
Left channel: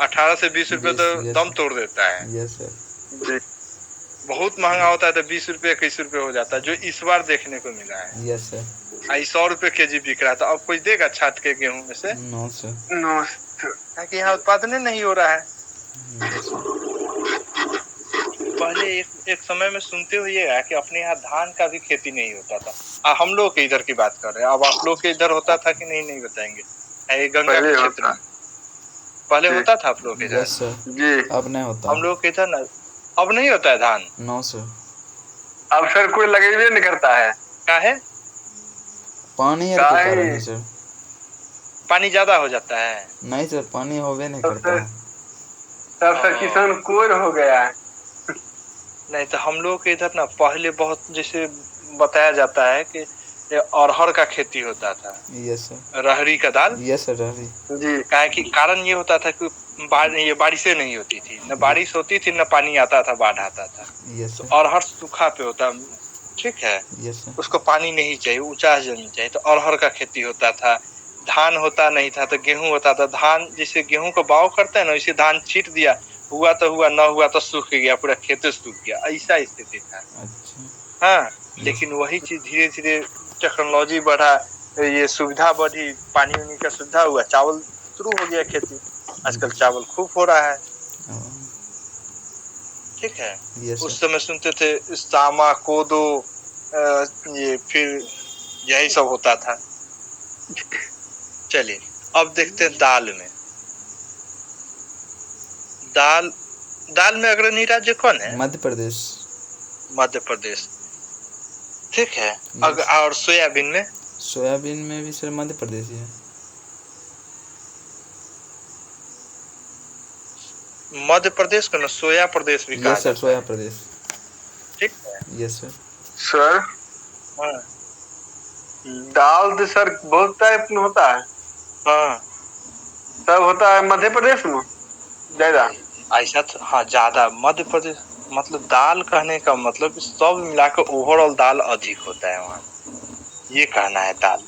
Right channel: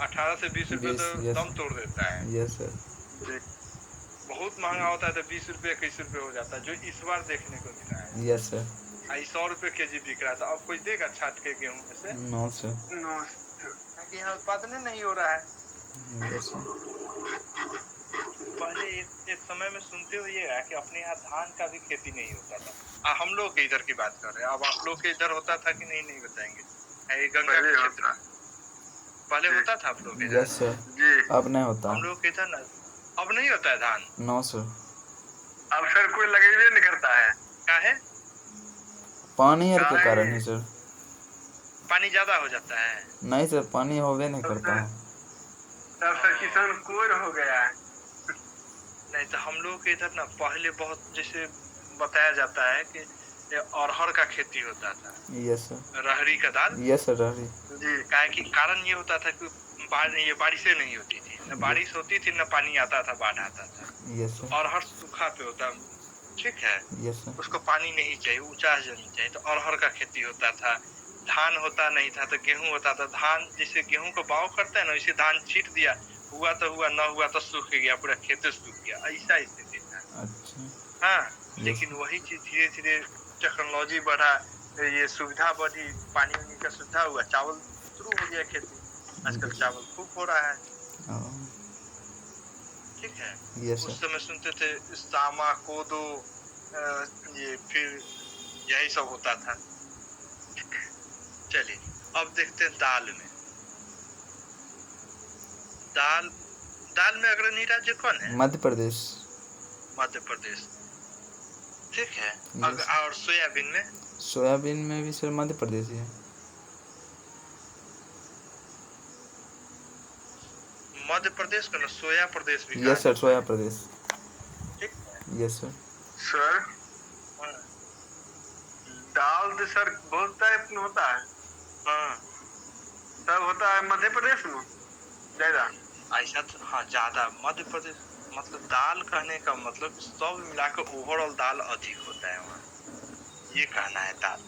18 से 20 रुपए तो दम तोड़ देता है। Yes sir. बहुत महंगा होता है तो 20 रुपए 21 रुपए हो जाता है, जो इस बार देखने को मिला है। Yes sir. 100 रुपए केजी बिक रहा था। अब कोई देगा छाट के गेहूं में से? No sir. नो, क्योंकि यहाँ उत्पादन नहीं हो रहा है। पहले एक समय में सुनते हुए कि अपने यहाँ धान का भी खेती नहीं होता था। हम लोग के इधर की बात कर रहे हैं। अब आप लोग के इधर होता था कि नहीं बताएंगे? गंगा के क्षेत्र में पहले होता था आप लोग के इधर? यस सर जी। अब नहीं होता। हम लोग के इधर ना अब नहीं होता है धान। No sir. अब सर कोई लगेबे नहीं करता है। क्या है? पानी के कारण है सर। पानी ज्यादा हो जाता है? नहीं सर, पानी होवे नहीं करता है। तब सर किसान कोर हो गया है। नहीं तो हम लोग के इधर ना पहले बहुत, जैसे बताया जाता है कि अरहर का खेती होता था। Yes sir. रहरी का दाल। यस सर, रहरी जी। काहे कि कारण ये होता था कि ये बारिशें नहीं होती थी, न बारिश होती थी न पानी आता था, बाढ़ आता था। Yes sir. अरहर सूखा पे होता, ठीक है? Yes sir. उसको पानी नहीं चाहिए, ऊंचा जमीन चाहिए, तो अरहर का खेती होता था। धान होता नहीं था तो गेहूं होता था। धान जैसे गेहूं को बाव करते हैं ना, वैसे धान छीट दिया, हुआ तो हुआ, न हुआ तो सूख गया, पूरा खेत सूख गया, ऐसा स्थिति था। अच्छा। हाँ, लेकिन वही चीज धीरे धीरे टेक्नोलॉजी बढ़ा, ये सुविधा बढ़ी, पानी उनी का सुविधा हुआ, चावल शुरू हो गया खेती। आजकल चावल खूब हो रहा है। ठीक है। उस समय सुनते थे सामा, कोदो, ये फिर यही सब होता था। चलिए अब देखते हैं दाल में। दाल में अग्रणी राज्य कौन है? मध्य प्रदेश। मध्य प्रदेश, ठीक है। और सोयाबीन में? सोयाबीन में भी सर मध्य प्रदेश ही है। मध्य प्रदेश को ना सोया प्रदेश भी कहा। यस सर, सोया प्रदेश। ठीक है। Yes sir. सर हाँ। दाल तो सर बहुत टाइप में होता है। हाँ। सब होता है मध्य प्रदेश में। ज्यादा ऐसा तो हाँ ज्यादा मध्य प्रदेश मतलब दाल कहने का मतलब सब मिलाकर ओवरऑल दाल अधिक होता है वहाँ, ये कहना है दाल।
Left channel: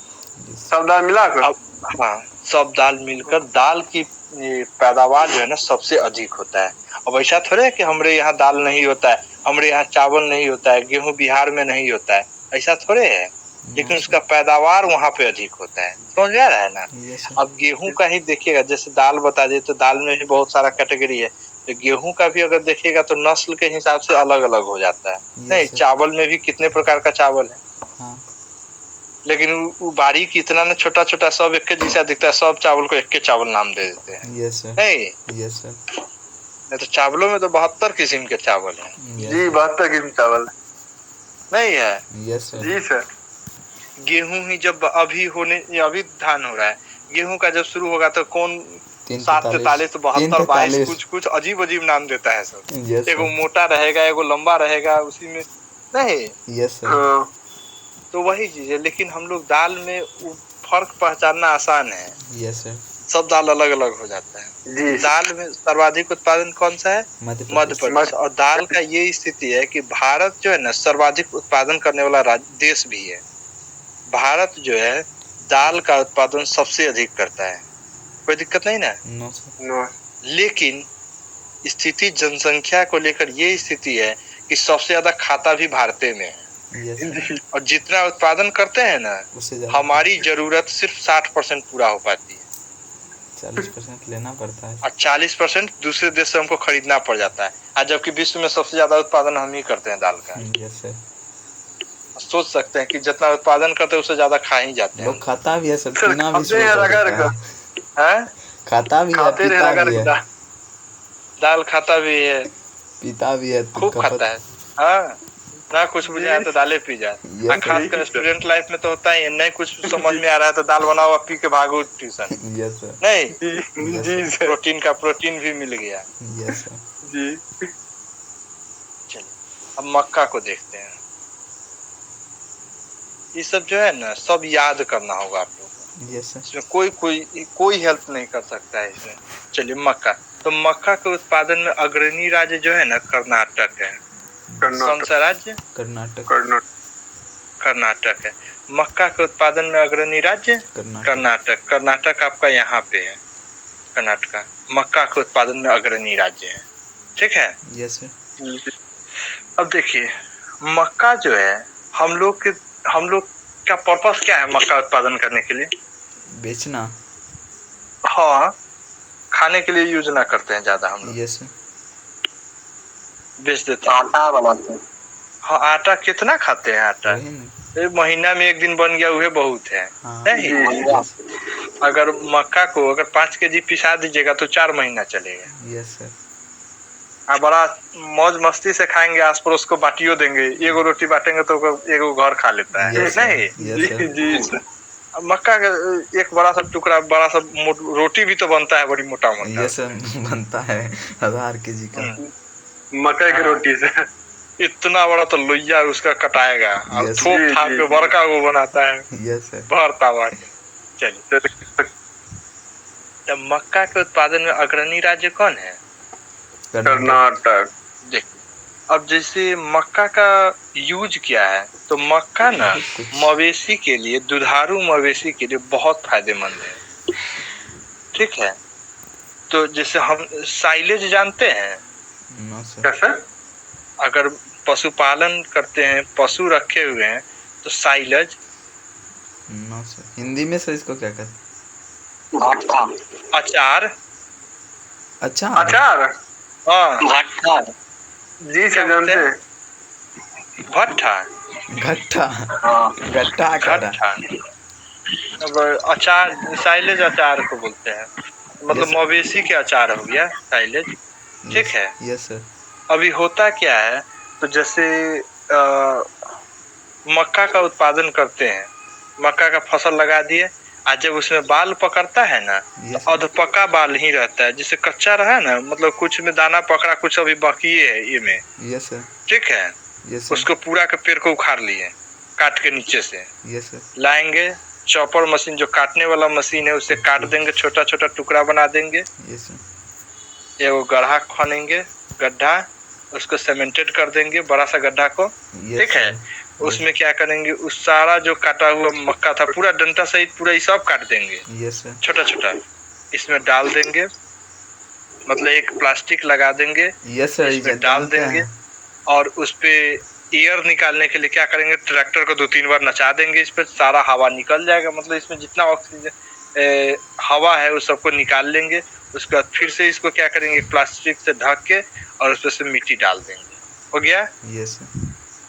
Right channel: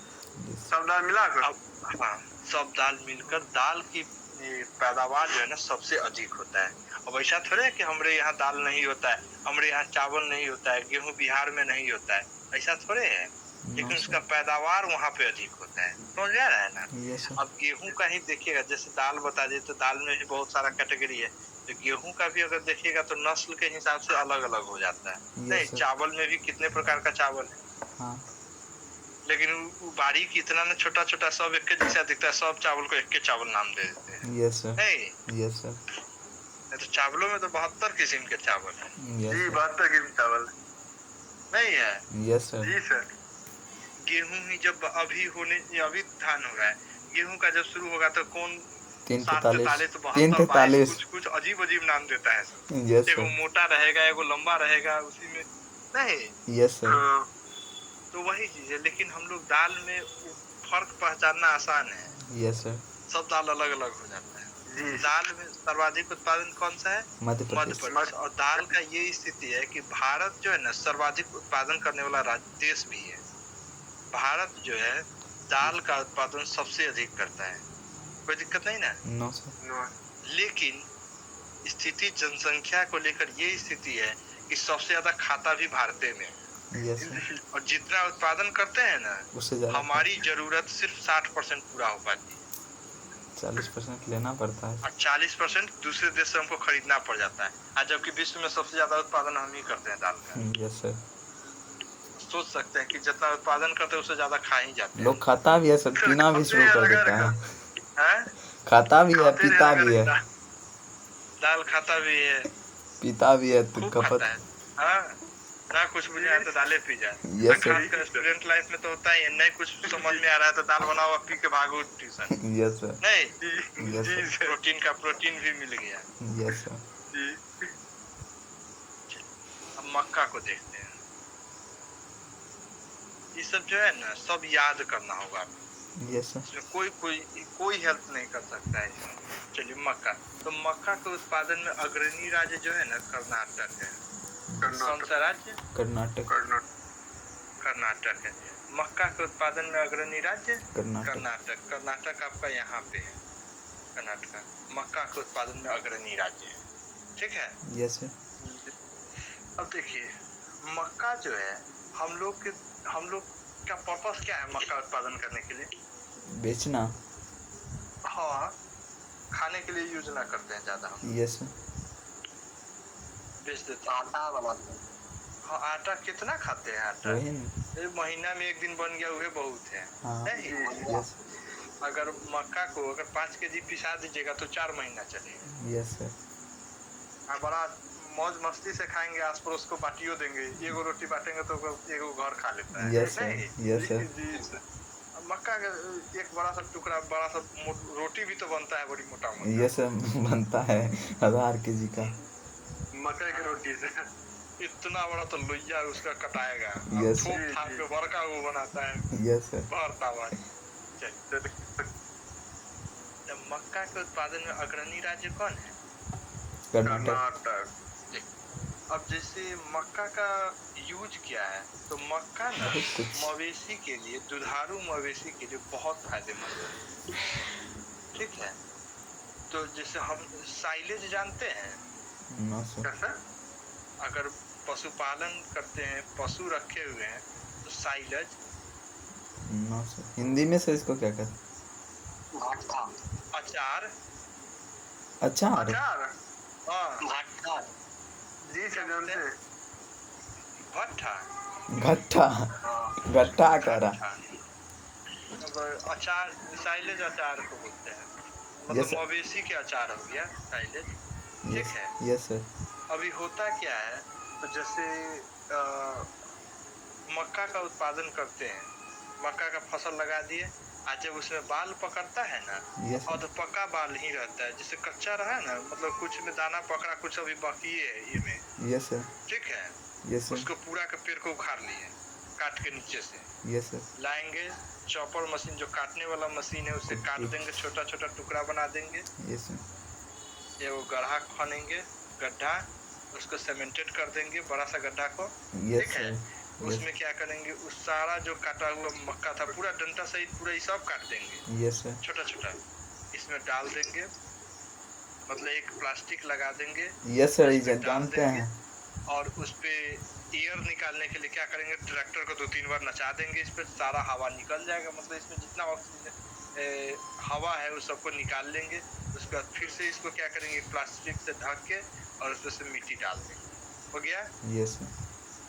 सब दाल मिलाकर अब हाँ सब दाल मिलकर दाल की पैदावार जो है ना सबसे अधिक होता है। अब ऐसा थोड़े है कि हमारे यहाँ दाल नहीं होता है, हमारे यहाँ चावल नहीं होता है, गेहूं बिहार में नहीं होता है, ऐसा थोड़े है, लेकिन उसका पैदावार वहाँ पे अधिक होता है। समझ में आ रहा है ना? अब गेहूं का ही देखिएगा, जैसे दाल बता दिए तो दाल में भी बहुत सारा कैटेगरी है, तो गेहूं का भी अगर देखिएगा तो नस्ल के हिसाब से अलग अलग हो जाता है। नहीं चावल में भी कितने प्रकार का चावल है, लेकिन वो बारीक इतना ना छोटा छोटा सब एक के जैसा दिखता है, सब चावल को एक के चावल नाम दे देते हैं। नहीं तो चावलों में तो 72 किस्म के चावल हैं। जी 72 किस्म चावल नहीं है? जी सर। गेहूं ही जब अभी धान हो रहा है, गेहूं का जब शुरू होगा तो कौन 743 72 22 कुछ अजीब अजीब नाम देता है सब। एगो मोटा रहेगा, एगो लंबा रहेगा, उसी में नहीं। तो वही चीज है, लेकिन हम लोग दाल में फर्क पहचानना आसान है। सब दाल अलग अलग हो जाता है। दाल में सर्वाधिक उत्पादन कौन सा है? मध्य प्रदेश। और दाल का ये स्थिति है कि भारत जो है ना सर्वाधिक उत्पादन करने वाला देश भी है। भारत जो है दाल का उत्पादन सबसे अधिक करता है, कोई दिक्कत नहीं ना? नो। लेकिन स्थिति जनसंख्या को लेकर ये स्थिति है कि सबसे ज्यादा खाता भी भारत में है। और जितना उत्पादन करते हैं ना हमारी जरूरत सिर्फ 60% पूरा हो पाती है, 40% लेना पड़ता है और 40% दूसरे देश से हमको खरीदना पड़ जाता है। आज जबकि विश्व में सबसे ज्यादा उत्पादन हम ही करते हैं दाल का। सोच सकते हैं कि जितना उत्पादन करते हैं उससे ज्यादा खा ही जाते हैं। लोग खाता भी है सर, पीना भी शुरू कर देता है। खाता भी है, पीता भी है। दाल खाता भी है, पीता भी है, खूब खाता है। हाँ ना कुछ बुझाए तो दालें पी जाए। खासकर स्टूडेंट लाइफ में तो होता ही है, नहीं कुछ समझ में आ रहा है तो दाल बनाओ पी के भागो ट्यूशन। नहीं जी प्रोटीन का प्रोटीन भी मिल गया। जी चलिए अब मक्का को देखते हैं। ये सब जो है ना सब याद करना होगा आप लोग। इसमें कोई हेल्प नहीं कर सकता है इसमें। चलिए मक्का, तो मक्का के उत्पादन में अग्रणी राज्य जो है ना कर्नाटक है। कौन सा राज्य? कर्नाटक है। मक्का के उत्पादन में अग्रणी राज्य कर्नाटक। कर्नाटक आपका यहाँ पे है, कर्नाटक मक्का के उत्पादन में अग्रणी राज्य है। ठीक है। Yes sir. अब देखिए मक्का जो है हम लोग का पर्पस क्या है मक्का उत्पादन करने के लिए? बेचना। हाँ खाने के लिए यूज ना करते हैं ज्यादा हम लोग। यस बेच देते हैं, आटा बनाते हैं। हाँ आटा कितना खाते हैं आटा? एक महीना में एक दिन बन गया वह बहुत है। नहीं अगर मक्का को अगर 5 केजी पिसा दीजिएगा तो 4 महीना चलेगा। Yes sir. बड़ा मौज मस्ती से खाएंगे, आस पड़ोस को बांटियो देंगे, एगो रोटी बांटेंगे तो एगो घर खा लेता है। नहीं जी मक्का का एक बड़ा सा टुकड़ा बड़ा सा रोटी भी तो बनता है बड़ी मोटा मोटा। यस बनता है 1000 केजी का मक्का की रोटी से। इतना बड़ा तो लोहिया उसका कटाएगा और थोक थाप के बड़का वो बनाता है। यस भरता हुआ। चलिए तो मक्का के उत्पादन में अग्रणी राज्य कौन है? कर्नाटक। देख अब जैसे मक्का का यूज क्या है, तो मक्का ना मवेशी के लिए, दुधारू मवेशी के लिए बहुत फायदेमंद है। ठीक है, तो जैसे हम साइलेज जानते हैं कैसे? अगर पशुपालन करते हैं, पशु रखे हुए हैं तो साइलेज। नो सर, हिंदी में सर इसको क्या कहते हैं? अचार। अचार हाँ भट्टा। जी सर जानते हैं। भट्टा घट्टा घट्टा। अब अचार साइलेज अचार को बोलते हैं, मतलब मवेशी के अचार हो गया साइलेज। ठीक है। Yes sir. अभी होता क्या है, तो जैसे मक्का का उत्पादन करते हैं, मक्का का फसल लगा दिए, आज जब उसमें बाल पकड़ता है ना तो अधपका बाल ही रहता है, जिससे कच्चा रहा ना, मतलब कुछ में दाना पकड़ा कुछ अभी बाकी है ये में। Yes sir. ठीक है। यस उसको पूरा के पेड़ को उखाड़ लिए काट के नीचे से। Yes sir. लाएंगे चॉपर मशीन, जो काटने वाला मशीन है, उससे काट देंगे, छोटा छोटा टुकड़ा बना देंगे। Yes sir. वो गड्ढा खनेंगे, गड्ढा उसको सीमेंटेड कर देंगे, बड़ा सा गड्ढा को, ठीक है। उसमें क्या करेंगे, उस सारा जो काटा हुआ मक्का था पूरा डंटा सहित पूरा ये सब काट देंगे छोटा छोटा, इसमें डाल देंगे, मतलब एक प्लास्टिक लगा देंगे, इसमें डाल देंगे और उस पे एयर निकालने के लिए क्या करेंगे, ट्रैक्टर को 2-3 बार नचा देंगे, इस पे सारा हवा निकल जाएगा, मतलब इसमें जितना ऑक्सीजन हवा है उस सबको निकाल लेंगे। उसके बाद फिर से इसको क्या करेंगे, प्लास्टिक से ढक के और उस पे से मिट्टी डाल देंगे, हो गया।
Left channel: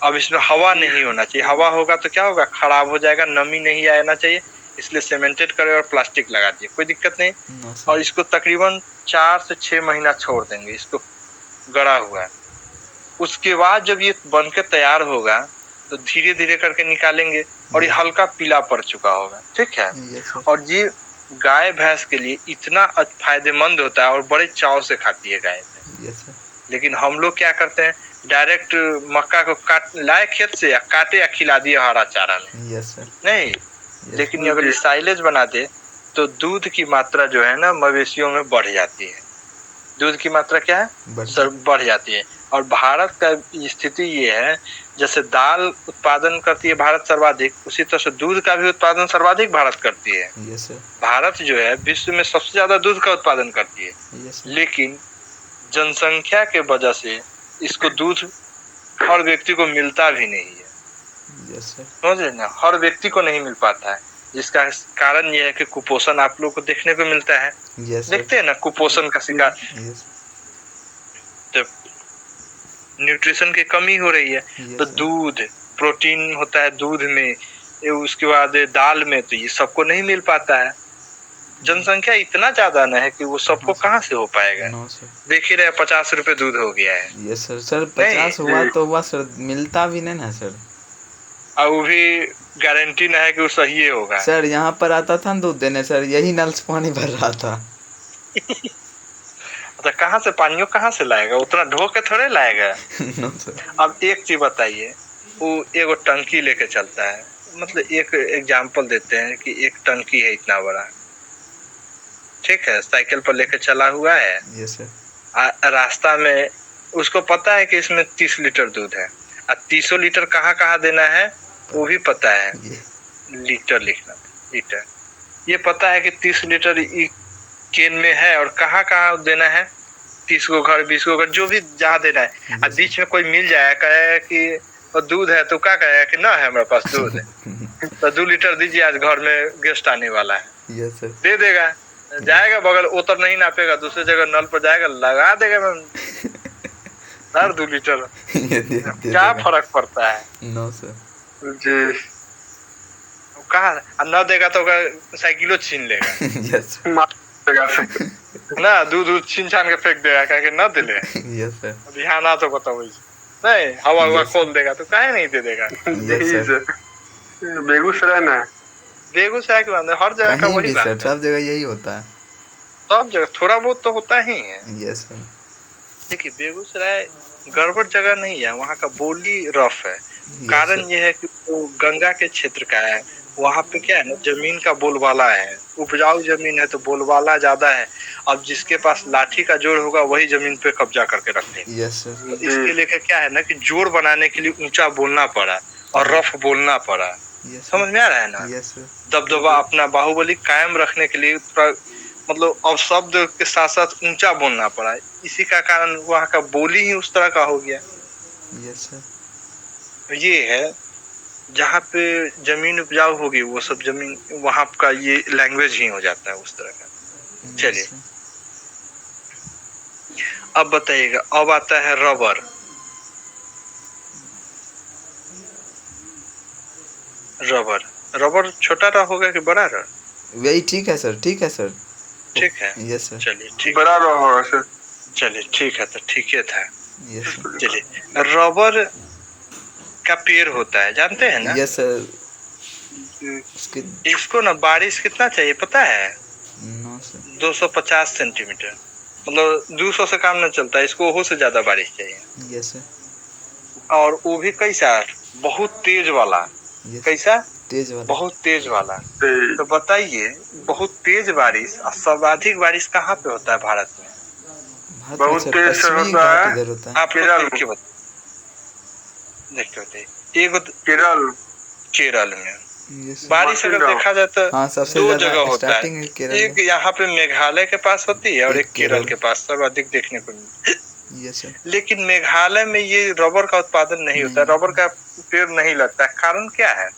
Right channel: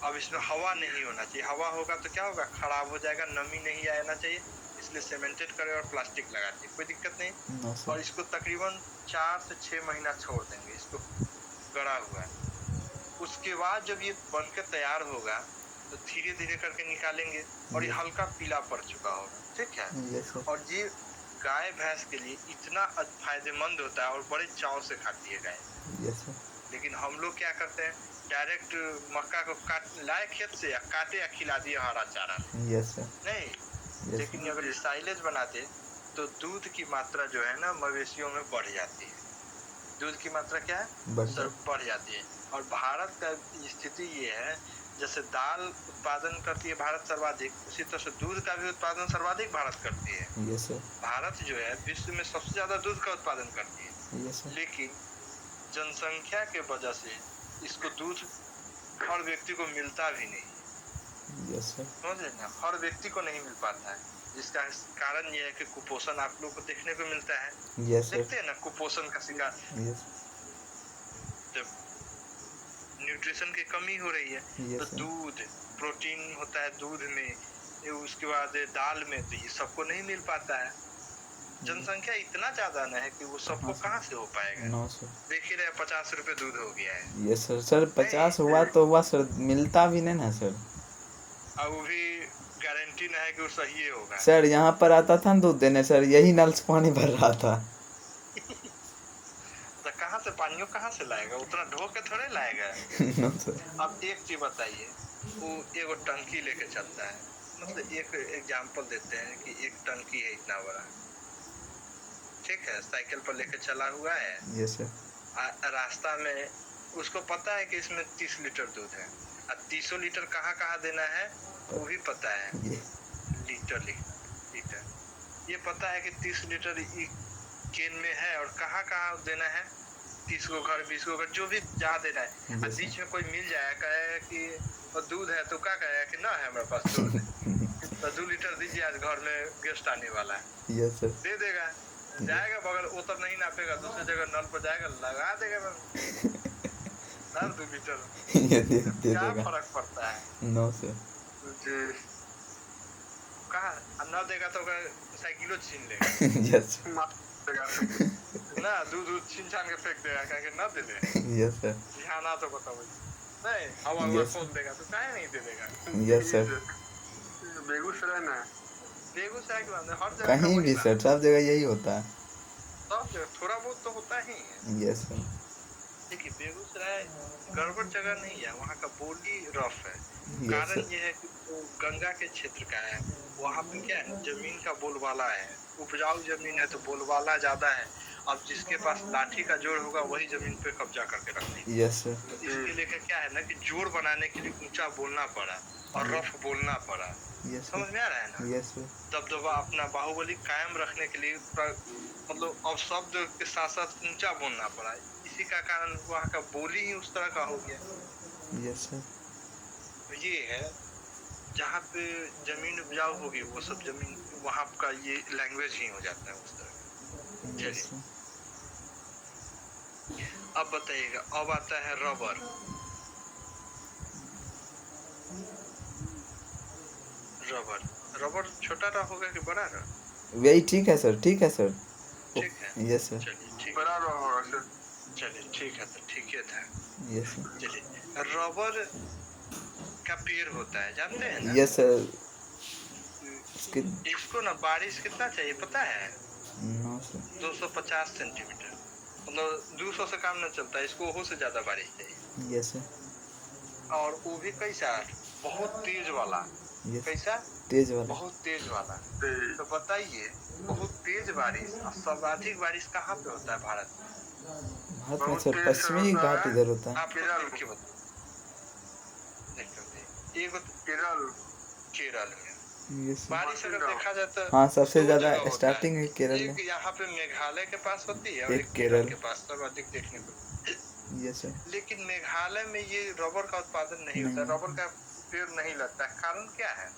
अब इसमें हवा नहीं होना चाहिए, हवा होगा तो क्या होगा, खराब हो जाएगा, नमी नहीं आना चाहिए, इसलिए सीमेंटेड करे और प्लास्टिक लगा दिए, कोई दिक्कत नहीं। और इसको तकरीबन 4 से 6 महीना छोड़ देंगे, इसको गड़ा हुआ है। उसके बाद जब ये बनकर तैयार होगा तो धीरे धीरे करके निकालेंगे और ये हल्का पीला पड़ चुका होगा, ठीक है। और ये गाय भैंस के लिए इतना फायदेमंद होता है और बड़े चाव से खाती है गाय। लेकिन हम लोग क्या करते हैं, डायरेक्ट मक्का को काट लाए खेत से या काटे या खिला दिए हरा चारा में, नहीं। लेकिन अगर ये साइलेज बना दे तो दूध की मात्रा जो है ना मवेशियों में बढ़ जाती है, दूध की मात्रा क्या है, बढ़ जाती है। और भारत का स्थिति ये है, जैसे दाल उत्पादन करती है भारत सर्वाधिक, उसी तरह से दूध का भी उत्पादन सर्वाधिक भारत करती है। भारत जो है विश्व में सबसे ज्यादा दूध का उत्पादन करती है, लेकिन जनसंख्या के वजह से इसको दूध हर व्यक्ति को मिलता भी नहीं है, समझ रहे ना, हर व्यक्ति को नहीं मिल पाता है, जिसका कारण यह है कि कुपोषण आप लोग को देखने को मिलता है। देखते हैं ना कुपोषण का शिकार, जब न्यूट्रिशन की कमी हो रही है तो दूध, प्रोटीन होता है दूध में, उसके बाद दाल में, तो ये सबको नहीं मिल पाता है। जनसंख्या इतना ज्यादा ना है कि वो सबको कहाँ से हो पाएगा। देख ही रहे 50 रुपए दूध हो गया है। यस सर 50 हुआ तो हुआ सर, मिलता भी नहीं ना सर, और वो भी गारंटी ना है कि वो सही होगा। सर यहाँ पर आता था दूध देने सर, यही नल से पानी भर रहा था। तो कहाँ से पानियों कहाँ से लाएगा, उतना ढो के थोड़े लाएगा। No sir. अब एक चीज बताइए, वो एगो टंकी लेके चलता है, मतलब एक एग्जांपल देते हैं कि एक टंकी है इतना बड़ा, ठीक है, साइकिल पर लेके चला हुआ है। Yes sir. रास्ता में उसको पता है कि इसमें 30 लीटर दूध है, और 300 लीटर कहाँ कहाँ देना है वो भी पता है, लीटर लिखना, लीटर, ये पता है कि 30 लीटर केन में है और कहाँ कहाँ देना है, 30 को घर 20 को घर जो भी जहाँ देना है। और बीच में कोई मिल जाए कहे कि दूध है, तो क्या कहेगा कि ना है हमारे पास दूध है, तो 2 लीटर दीजिए, आज घर में गेस्ट आने वाला है। Yes sir. दे देगा, जाएगा बगल, उतर नहीं नापेगा, दूसरी जगह नल पर जाएगा, लगा देगा हर 2 लीटर। क्या फर्क पड़ता है। नो सर जी, कहा न देगा तो साइकिलो छीन लेगा। यस ना दूध छीन छान के फेंक देगा, कह के न दिले। Yes sir. ध्यान आ तो बताओ, नहीं हवा हुआ खोल देगा तो काहे नहीं दे देगा। Yes sir. बेगूसराय ना, बेगूसराय के अंदर हर जगह का वही बात है, सब जगह यही होता है, सब जगह थोड़ा बहुत तो होता ही है। Yes sir. देखिए बेगूसराय गड़बड़ जगह नहीं है, वहाँ का बोली रफ है। कारण ये है कि वो गंगा के क्षेत्र का है, वहाँ पे क्या है ना, जमीन का बोलबाला है, उपजाऊ जमीन है तो बोलबाला ज्यादा है। अब जिसके पास लाठी का जोर होगा वही जमीन पे कब्जा करके रखते हैं। Yes sir. तो इसके लेकर क्या है ना कि जोर बनाने के लिए ऊंचा बोलना पड़ा और रफ बोलना पड़ा, समझ में आ रहा है ना। Yes sir. दबदबा अपना बाहुबली कायम रखने के लिए मतलब अब शब्द के साथ साथ ऊंचा बोलना पड़ा, इसी का कारण वहाँ का बोली ही उस तरह का हो गया। Yes sir. ये है जहाँ पे जमीन उपजाऊ होगी वो सब जमीन, वहाँ का ये लैंग्वेज ही हो जाता है उस तरह का। चलिए अब बताइएगा, अब आता है रबर। रबर, रबर छोटा रहा होगा कि बड़ा रहा? वही ठीक है सर, ठीक है सर, ठीक है। Yes sir. चलिए ठीक, बड़ा रहा होगा सर। चलिए ठीक है, तो ठीक है था। Yes sir. चलिए, रबर का पेड़ होता है, जानते हैं ना? Yes sir. इसको ना बारिश कितना चाहिए पता है? No sir. 250 सेंटीमीटर, मतलब 200 से काम नहीं चलता, इसको वो से ज्यादा बारिश चाहिए। Yes sir. और वो भी कैसा, बहुत तेज वाला। कैसा? तेज वाला, बहुत तेज वाला। तो बताइए, बहुत तेज बारिश और सर्वाधिक बारिश कहाँ पे होता है भारत में? भारत में बहुत सर तेज से पश्चिमी होता घाट है। इधर होता है। आप केरल। देख के देखते एगो केरल। केरल में यस बारिश अगर मार्टिन देखा जाए तो हाँ, सबसे दो ज्यादा जगह होता है। स्टार्टिंग केरल एक है। यहाँ पे मेघालय के पास होती है और एक एक केरल केरल। के पास सर्वाधिक देखने को मिलती है। Yes sir. लेकिन मेघालय में ये रबर का उत्पादन नहीं होता, नहीं। रबर का पेड़ नहीं लगता है। कारण क्या है?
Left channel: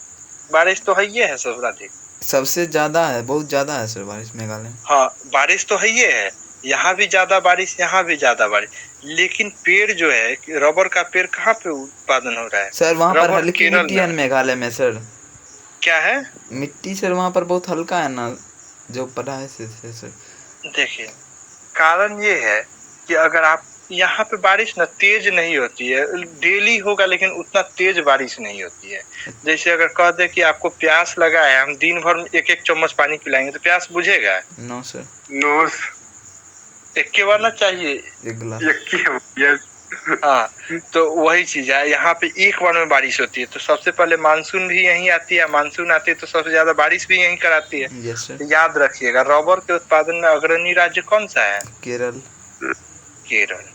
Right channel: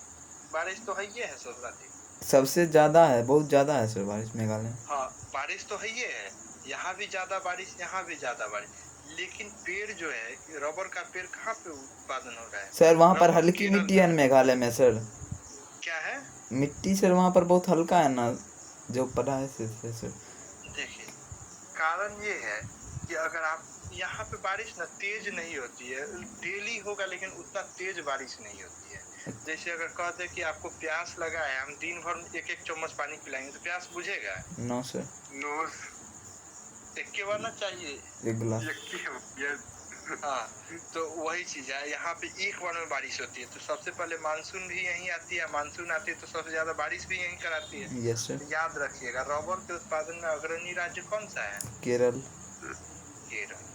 बारिश तो है ये है सर्वाधिक, सबसे ज्यादा है, बहुत ज्यादा है सर बारिश मेघालय में। हाँ बारिश तो है ये है, यहाँ भी ज्यादा बारिश, यहाँ भी ज्यादा बारिश, लेकिन पेड़ जो है रबर का पेड़ कहाँ पे उत्पादन हो रहा है? सर वहाँ पर रबर हल्की केरल मिट्टी में है है। मेघालय में सर। क्या है? मिट्टी सर वहाँ पर बहुत हल्का है ना, जो पढ़ा है सर। देखिए कारण ये है कि अगर आप यहाँ पे बारिश ना तेज नहीं होती है, डेली होगा लेकिन उतना तेज बारिश नहीं होती है। जैसे अगर कह दे कि आपको प्यास लगा है, हम दिन भर में एक एक चम्मच पानी पिलाएंगे तो प्यास बुझेगा? No sir. नो। एक के बार ना चाहिए, एक गिलास। यस। हाँ तो वही चीज है, यहाँ पे एक बार में बारिश होती है। तो सबसे पहले मानसून भी यहीं आती है, मानसून आती है तो सबसे ज्यादा बारिश भी यहीं कराती है। Yes sir. याद रखिएगा रबर के उत्पादन में अग्रणी राज्य कौन सा है? केरल। केरल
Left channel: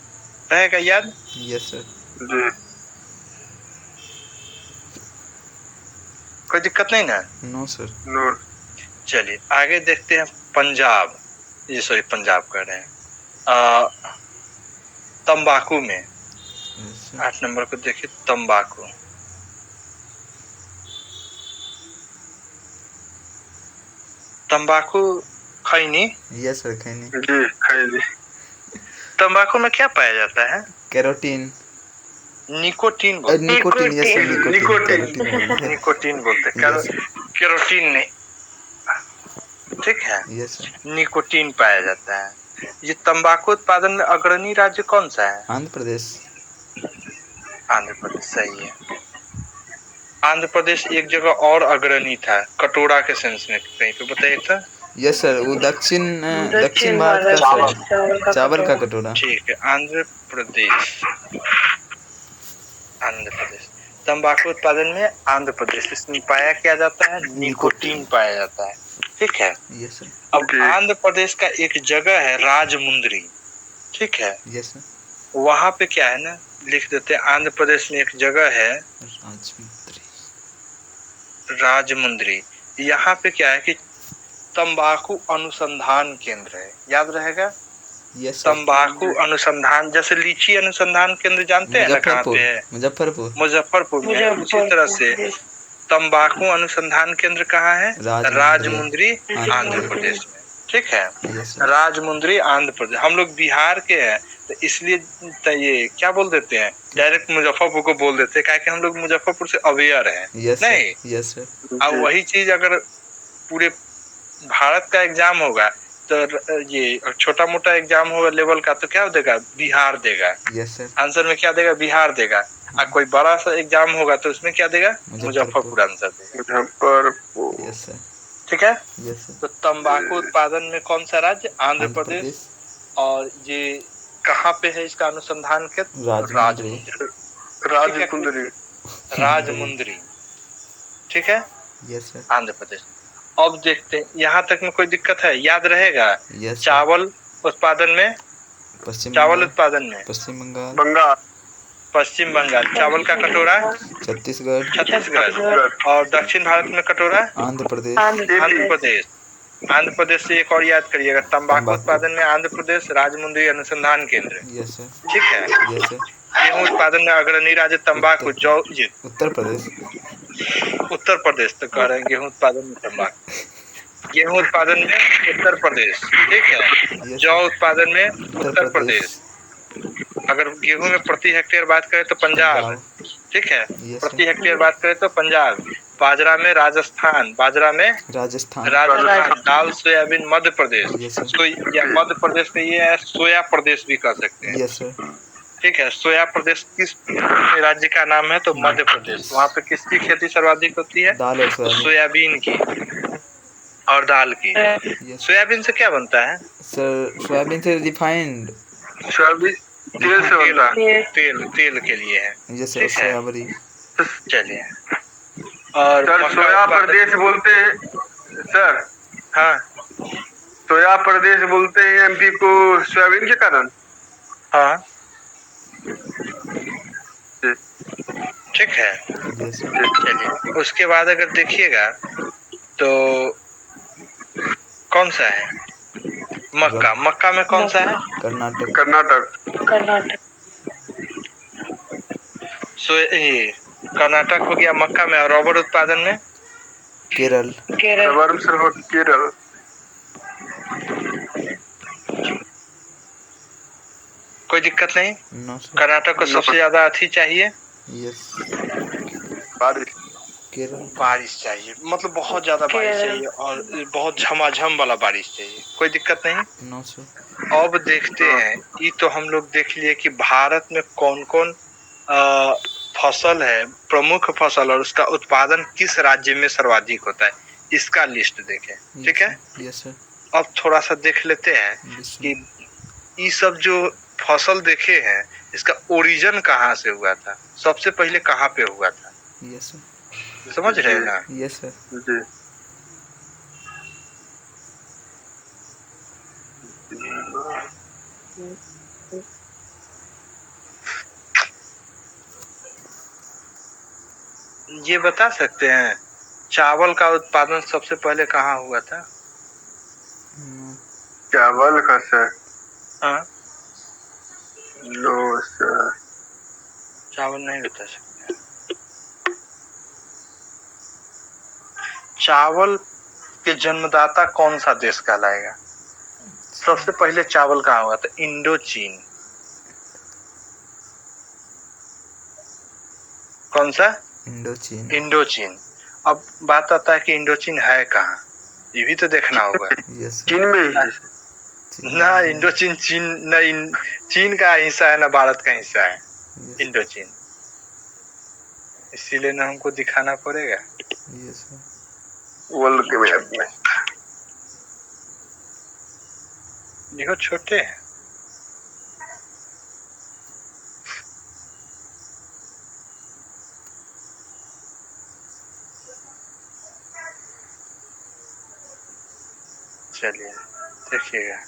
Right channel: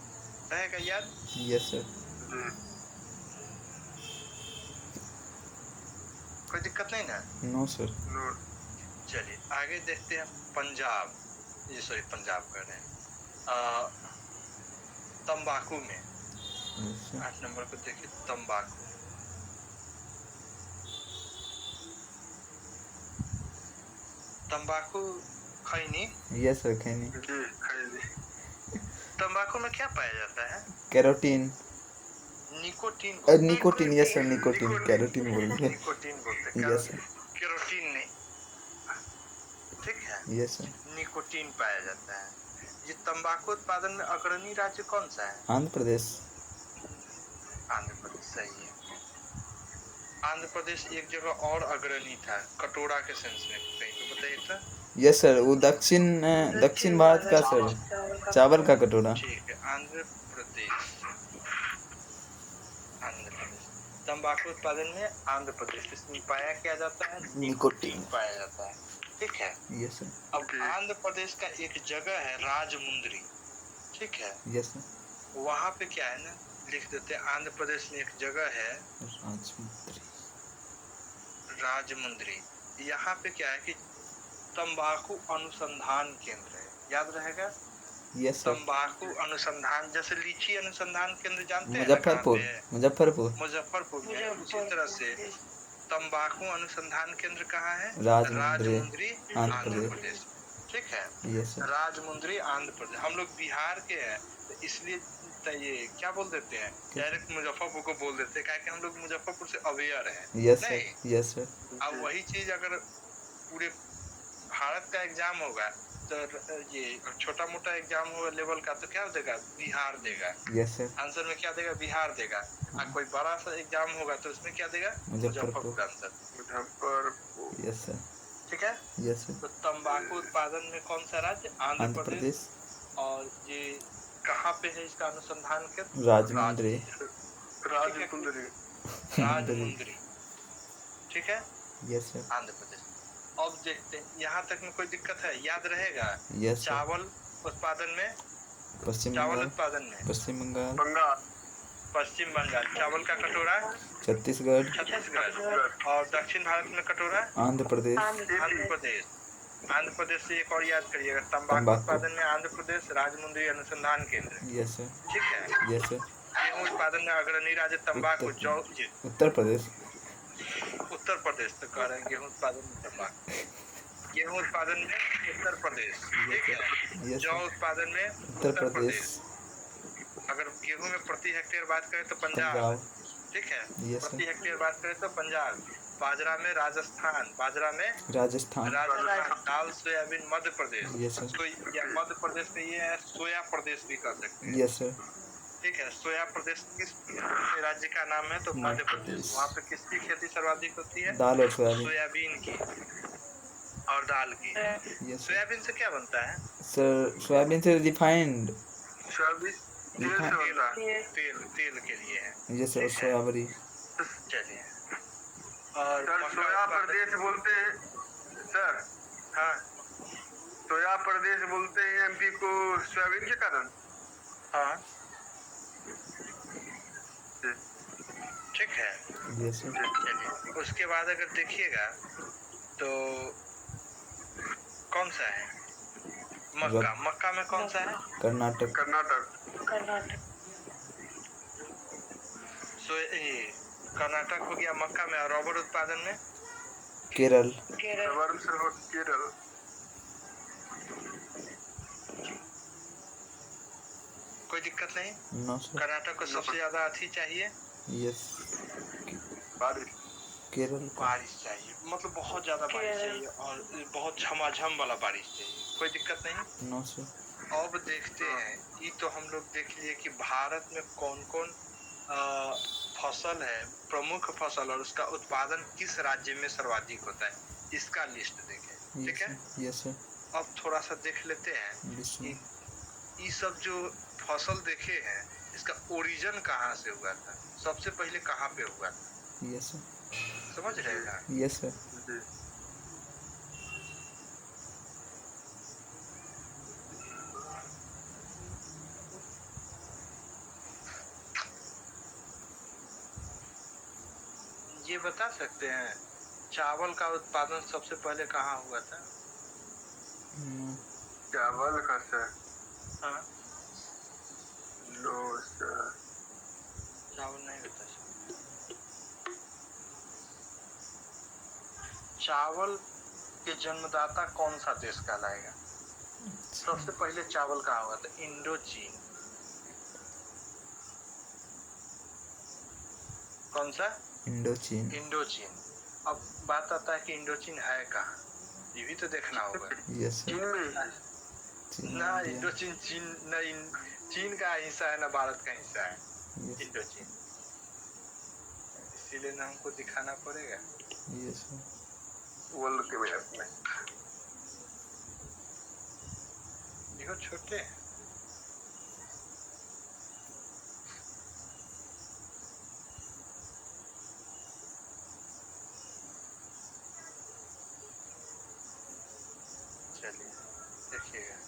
रहेगा याद। Yes sir. जी। कोई दिक्कत नहीं ना? No sir. नो। चलिए आगे देखते हैं पंजाब, ये सॉरी पंजाब कर रहे हैं तंबाकू में। 8 नंबर को देखिए तंबाकू। तंबाकू खैनी। यस सर खैनी। जी खैनी। तंबाकू में क्या पाया जाता है? कैरोटीन। निकोटीन बोलते हैं। Nicotine. Yes sir nicotine. Nicotine. Carotene बोलते हैं। निकोटीन बोलते हैं, यस। कैरोटीन नहीं, ठीक है। Yes sir. निकोटीन पाया जाता है। ये तंबाकू उत्पादन में अग्रणी राज्य कौन सा है? आंध्र प्रदेश। आंध्र प्रदेश सही है। आंध्र प्रदेश एक जगह और अग्रणी था कटोरा के सेंस में, कहीं पे बताइए तो। यस सर वो दक्षिण भारत का सर चावल का कटोरा। ठीक है आंध्र प्रदेश। आंध्र प्रदेश तंबाकू उत्पादन में आंध्र प्रदेश, इसमें पाया क्या जाता है? निकोटीन पाया जाता है, ठीक है। Yes sir. अब आंध्र प्रदेश का एक जगह है राजमुंद्री, ठीक है। Yes sir. वहां पे क्या है ना, लिख देते हैं आंध्र प्रदेश में एक जगह है राजमुंद्री। यहाँ पे क्या है कि तंबाकू अनुसंधान केंद्र है, याद रहेगा। यस तंबाकू अनुसंधान, जैसे लीची अनुसंधान केंद्र जानते हैं ना कहाँ पे है? मुजफ्फरपुर। मुजफ्फरपुर में है। उसी तरह से तंबाकू अनुसंधान केंद्र कहाँ है? राजमुंद्री आंध्र प्रदेश में, ठीक है। राजमुंद्री आंध्र प्रदेश। हम लोग बिहार के हैं तो इसलिए ये क्या बोल देते हैं, डायरेक्ट मुजफ्फरपुर को बोल देते हैं, क्या कि हम लोग मुजफ्फरपुर से अवेयर हैं। नहीं, यस सर। अब वही चीज अगर पूरे भारत का एग्जाम होगा तो ये छोटा मोटा एग्जाम होगा लेवल का तो क्या देगा? बिहार देगा। Yes sir. आंसर में क्या देगा? बिहार देगा। और कोई बड़ा सा एग्जाम होगा तो उसमें क्या देगा? मुजफ्फरपुर आंसर देगा। मुजफ्फरपुर। Yes sir. ठीक है। Yes sir. तो तंबाकू उत्पादन में कौन सा राज्य? आंध्र प्रदेश। और ये कहाँ पे है इसका अनुसंधान केंद्र? राजमुंद्री। राजमुंद्री, ठीक है। Yes sir. आंध्र प्रदेश। अब देखते हैं यहाँ तक में कोई दिक्कत है? याद रहेगा। यस। चावल उत्पादन में, चावल उत्पादन में पश्चिम बंगाल। पश्चिम बंगाल। चावल का कटोरा छत्तीसगढ़। और दक्षिण भारत में कटोरा आंध्र प्रदेश। आंध्र प्रदेश से एक और याद करिएगा, तंबाकू उत्पादन में आंध्र प्रदेश, राजमुंद्री अनुसंधान केंद्र। Yes sir. ठीक है। Yes sir. गेहूं उत्पादन में अग्रणी राज्य तंबाकू उत्तर प्रदेश। उत्तर प्रदेश तो कह रहे हैं गेहूं उत्पादन में तंबाकू। गेहूं उत्पादन में उत्तर प्रदेश, ठीक है। जौ उत्पादन में उत्तर प्रदेश। अगर गेहूं में प्रति हेक्टेयर बात करें तो पंजाब, ठीक है। प्रति हेक्टेयर बात करें तो पंजाब। बाजरा में राजस्थान, दाल सोयाबीन मध्य प्रदेश। या मध्य प्रदेश में ये है सोया प्रदेश भी कह सकते हैं। Yes sir. ठीक है। सोया प्रदेश किस राज्य का नाम है? तो मध्य प्रदेश। वहाँ पे किसकी खेती सर्वाधिक होती है? दाल और सोयाबीन की और दाल की। सोयाबीन से क्या बनता है सर? सोयाबीन से रिफाइंड, सोयाबीन तेल से बनता है। तेल के लिए है। Yes sir. सोयाबरी। चलिए, और सर सोया प्रदेश बोलते हैं सर। हाँ, सोया प्रदेश बोलते हैं एमपी को सोयाबीन के कारण। हाँ ठीक है। Yes sir. चलिए उसके बाद अगर देखिएगा तो कौन सा है मक्का, मक्का में कौन सा है? कर्नाटक। कर्नाटक। ये कर्नाटक हो गया मक्का में। और रबर उत्पादन में केरल। केरल। कोई दिक्कत नहीं। No sir. कर्नाटक को सबसे ज्यादा अथी चाहिए, यस। बारिश। केरल। बारिश चाहिए, मतलब बहुत ज्यादा बारिश चाहिए और बहुत झमाझम वाला बारिश चाहिए। कोई दिक्कत नहीं। No sir. अब देखते हैं, ये तो हम लोग देख लिए कि भारत में कौन कौन फसल है, प्रमुख फसल, और उसका उत्पादन किस राज्य में सर्वाधिक होता है, इसका लिस्ट देखें। ठीक है। Yes sir. अब थोड़ा सा देख लेते हैं कि ये सब जो फसल देखे हैं इसका ओरिजिन कहाँ से हुआ था, सबसे पहले कहाँ पे हुआ था। Yes sir. समझ रहे हैं ना? Yes sir. जी। ये बता सकते हैं चावल का उत्पादन सबसे पहले कहाँ हुआ था? चावल का सर? हाँ नो सर। चावल नहीं बता सकते। चावल के जन्मदाता कौन सा देश कहलाएगा? सबसे पहले चावल कहाँ हुआ था? इंडो चीन। कौन सा? इंडो चीन। इंडो चीन। अब बात आता है कि इंडो चीन है कहाँ, ये भी तो देखना होगा। Yes sir. चीन में ही। ना इंडो चीन, चीन ना चीन का हिस्सा है ना भारत का हिस्सा है इंडो चीन, इसीलिए ना हमको दिखाना पड़ेगा। Yes sir. वर्ल्ड के मैप में देखो छोटे हैं। चलिए देखिएगा,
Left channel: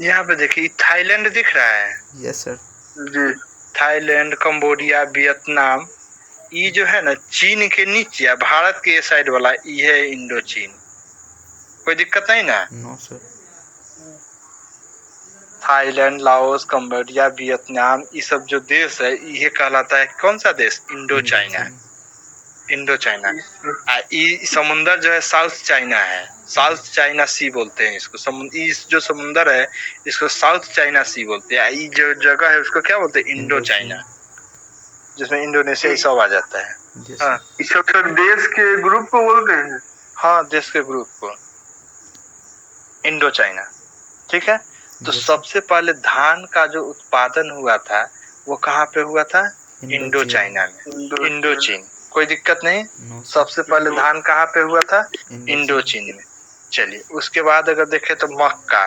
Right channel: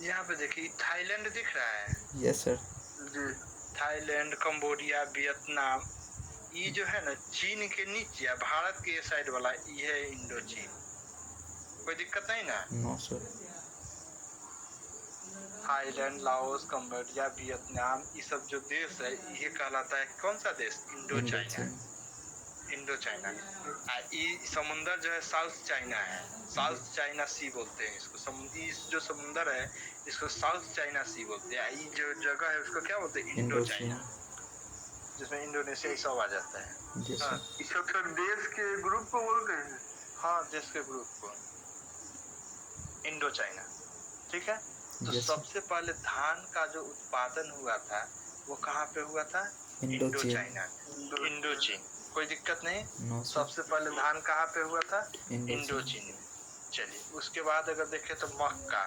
यहाँ पे देखिए थाईलैंड दिख रहा है। Yes sir. जी। थाईलैंड, कंबोडिया, वियतनाम, ये जो है ना चीन के नीचे, भारत के साइड वाला ये है इंडो चीन। कोई दिक्कत नहीं ना? No sir. Thailand, Laos, Cambodia, Vietnam, ये सब जो देश है ये कहलाता है कौन सा देश? Indo China. Indo China. ये समुंदर जो है साउथ चाइना है, साउथ चाइना सी बोलते हैं इसको। इस जो समुंदर है इसको साउथ चाइना सी बोलते हैं। ये जो जगह है उसको क्या बोलते हैं? इंडो चाइना, जिसमें इंडोनेशिया ये सब आ जाता है। हाँ इस सब देश के ग्रुप को बोलते हैं। हाँ देश के ग्रुप को इंडो चाइना। ठीक है। तो सबसे पहले धान का जो उत्पादन हुआ था वो कहाँ पे हुआ था? इंडो चाइना में, इंडो चीन। कोई दिक्कत नहीं। सबसे पहले धान कहाँ पे हुआ था? इंडो चीन में। चलिए उसके बाद अगर देखें तो मक्का,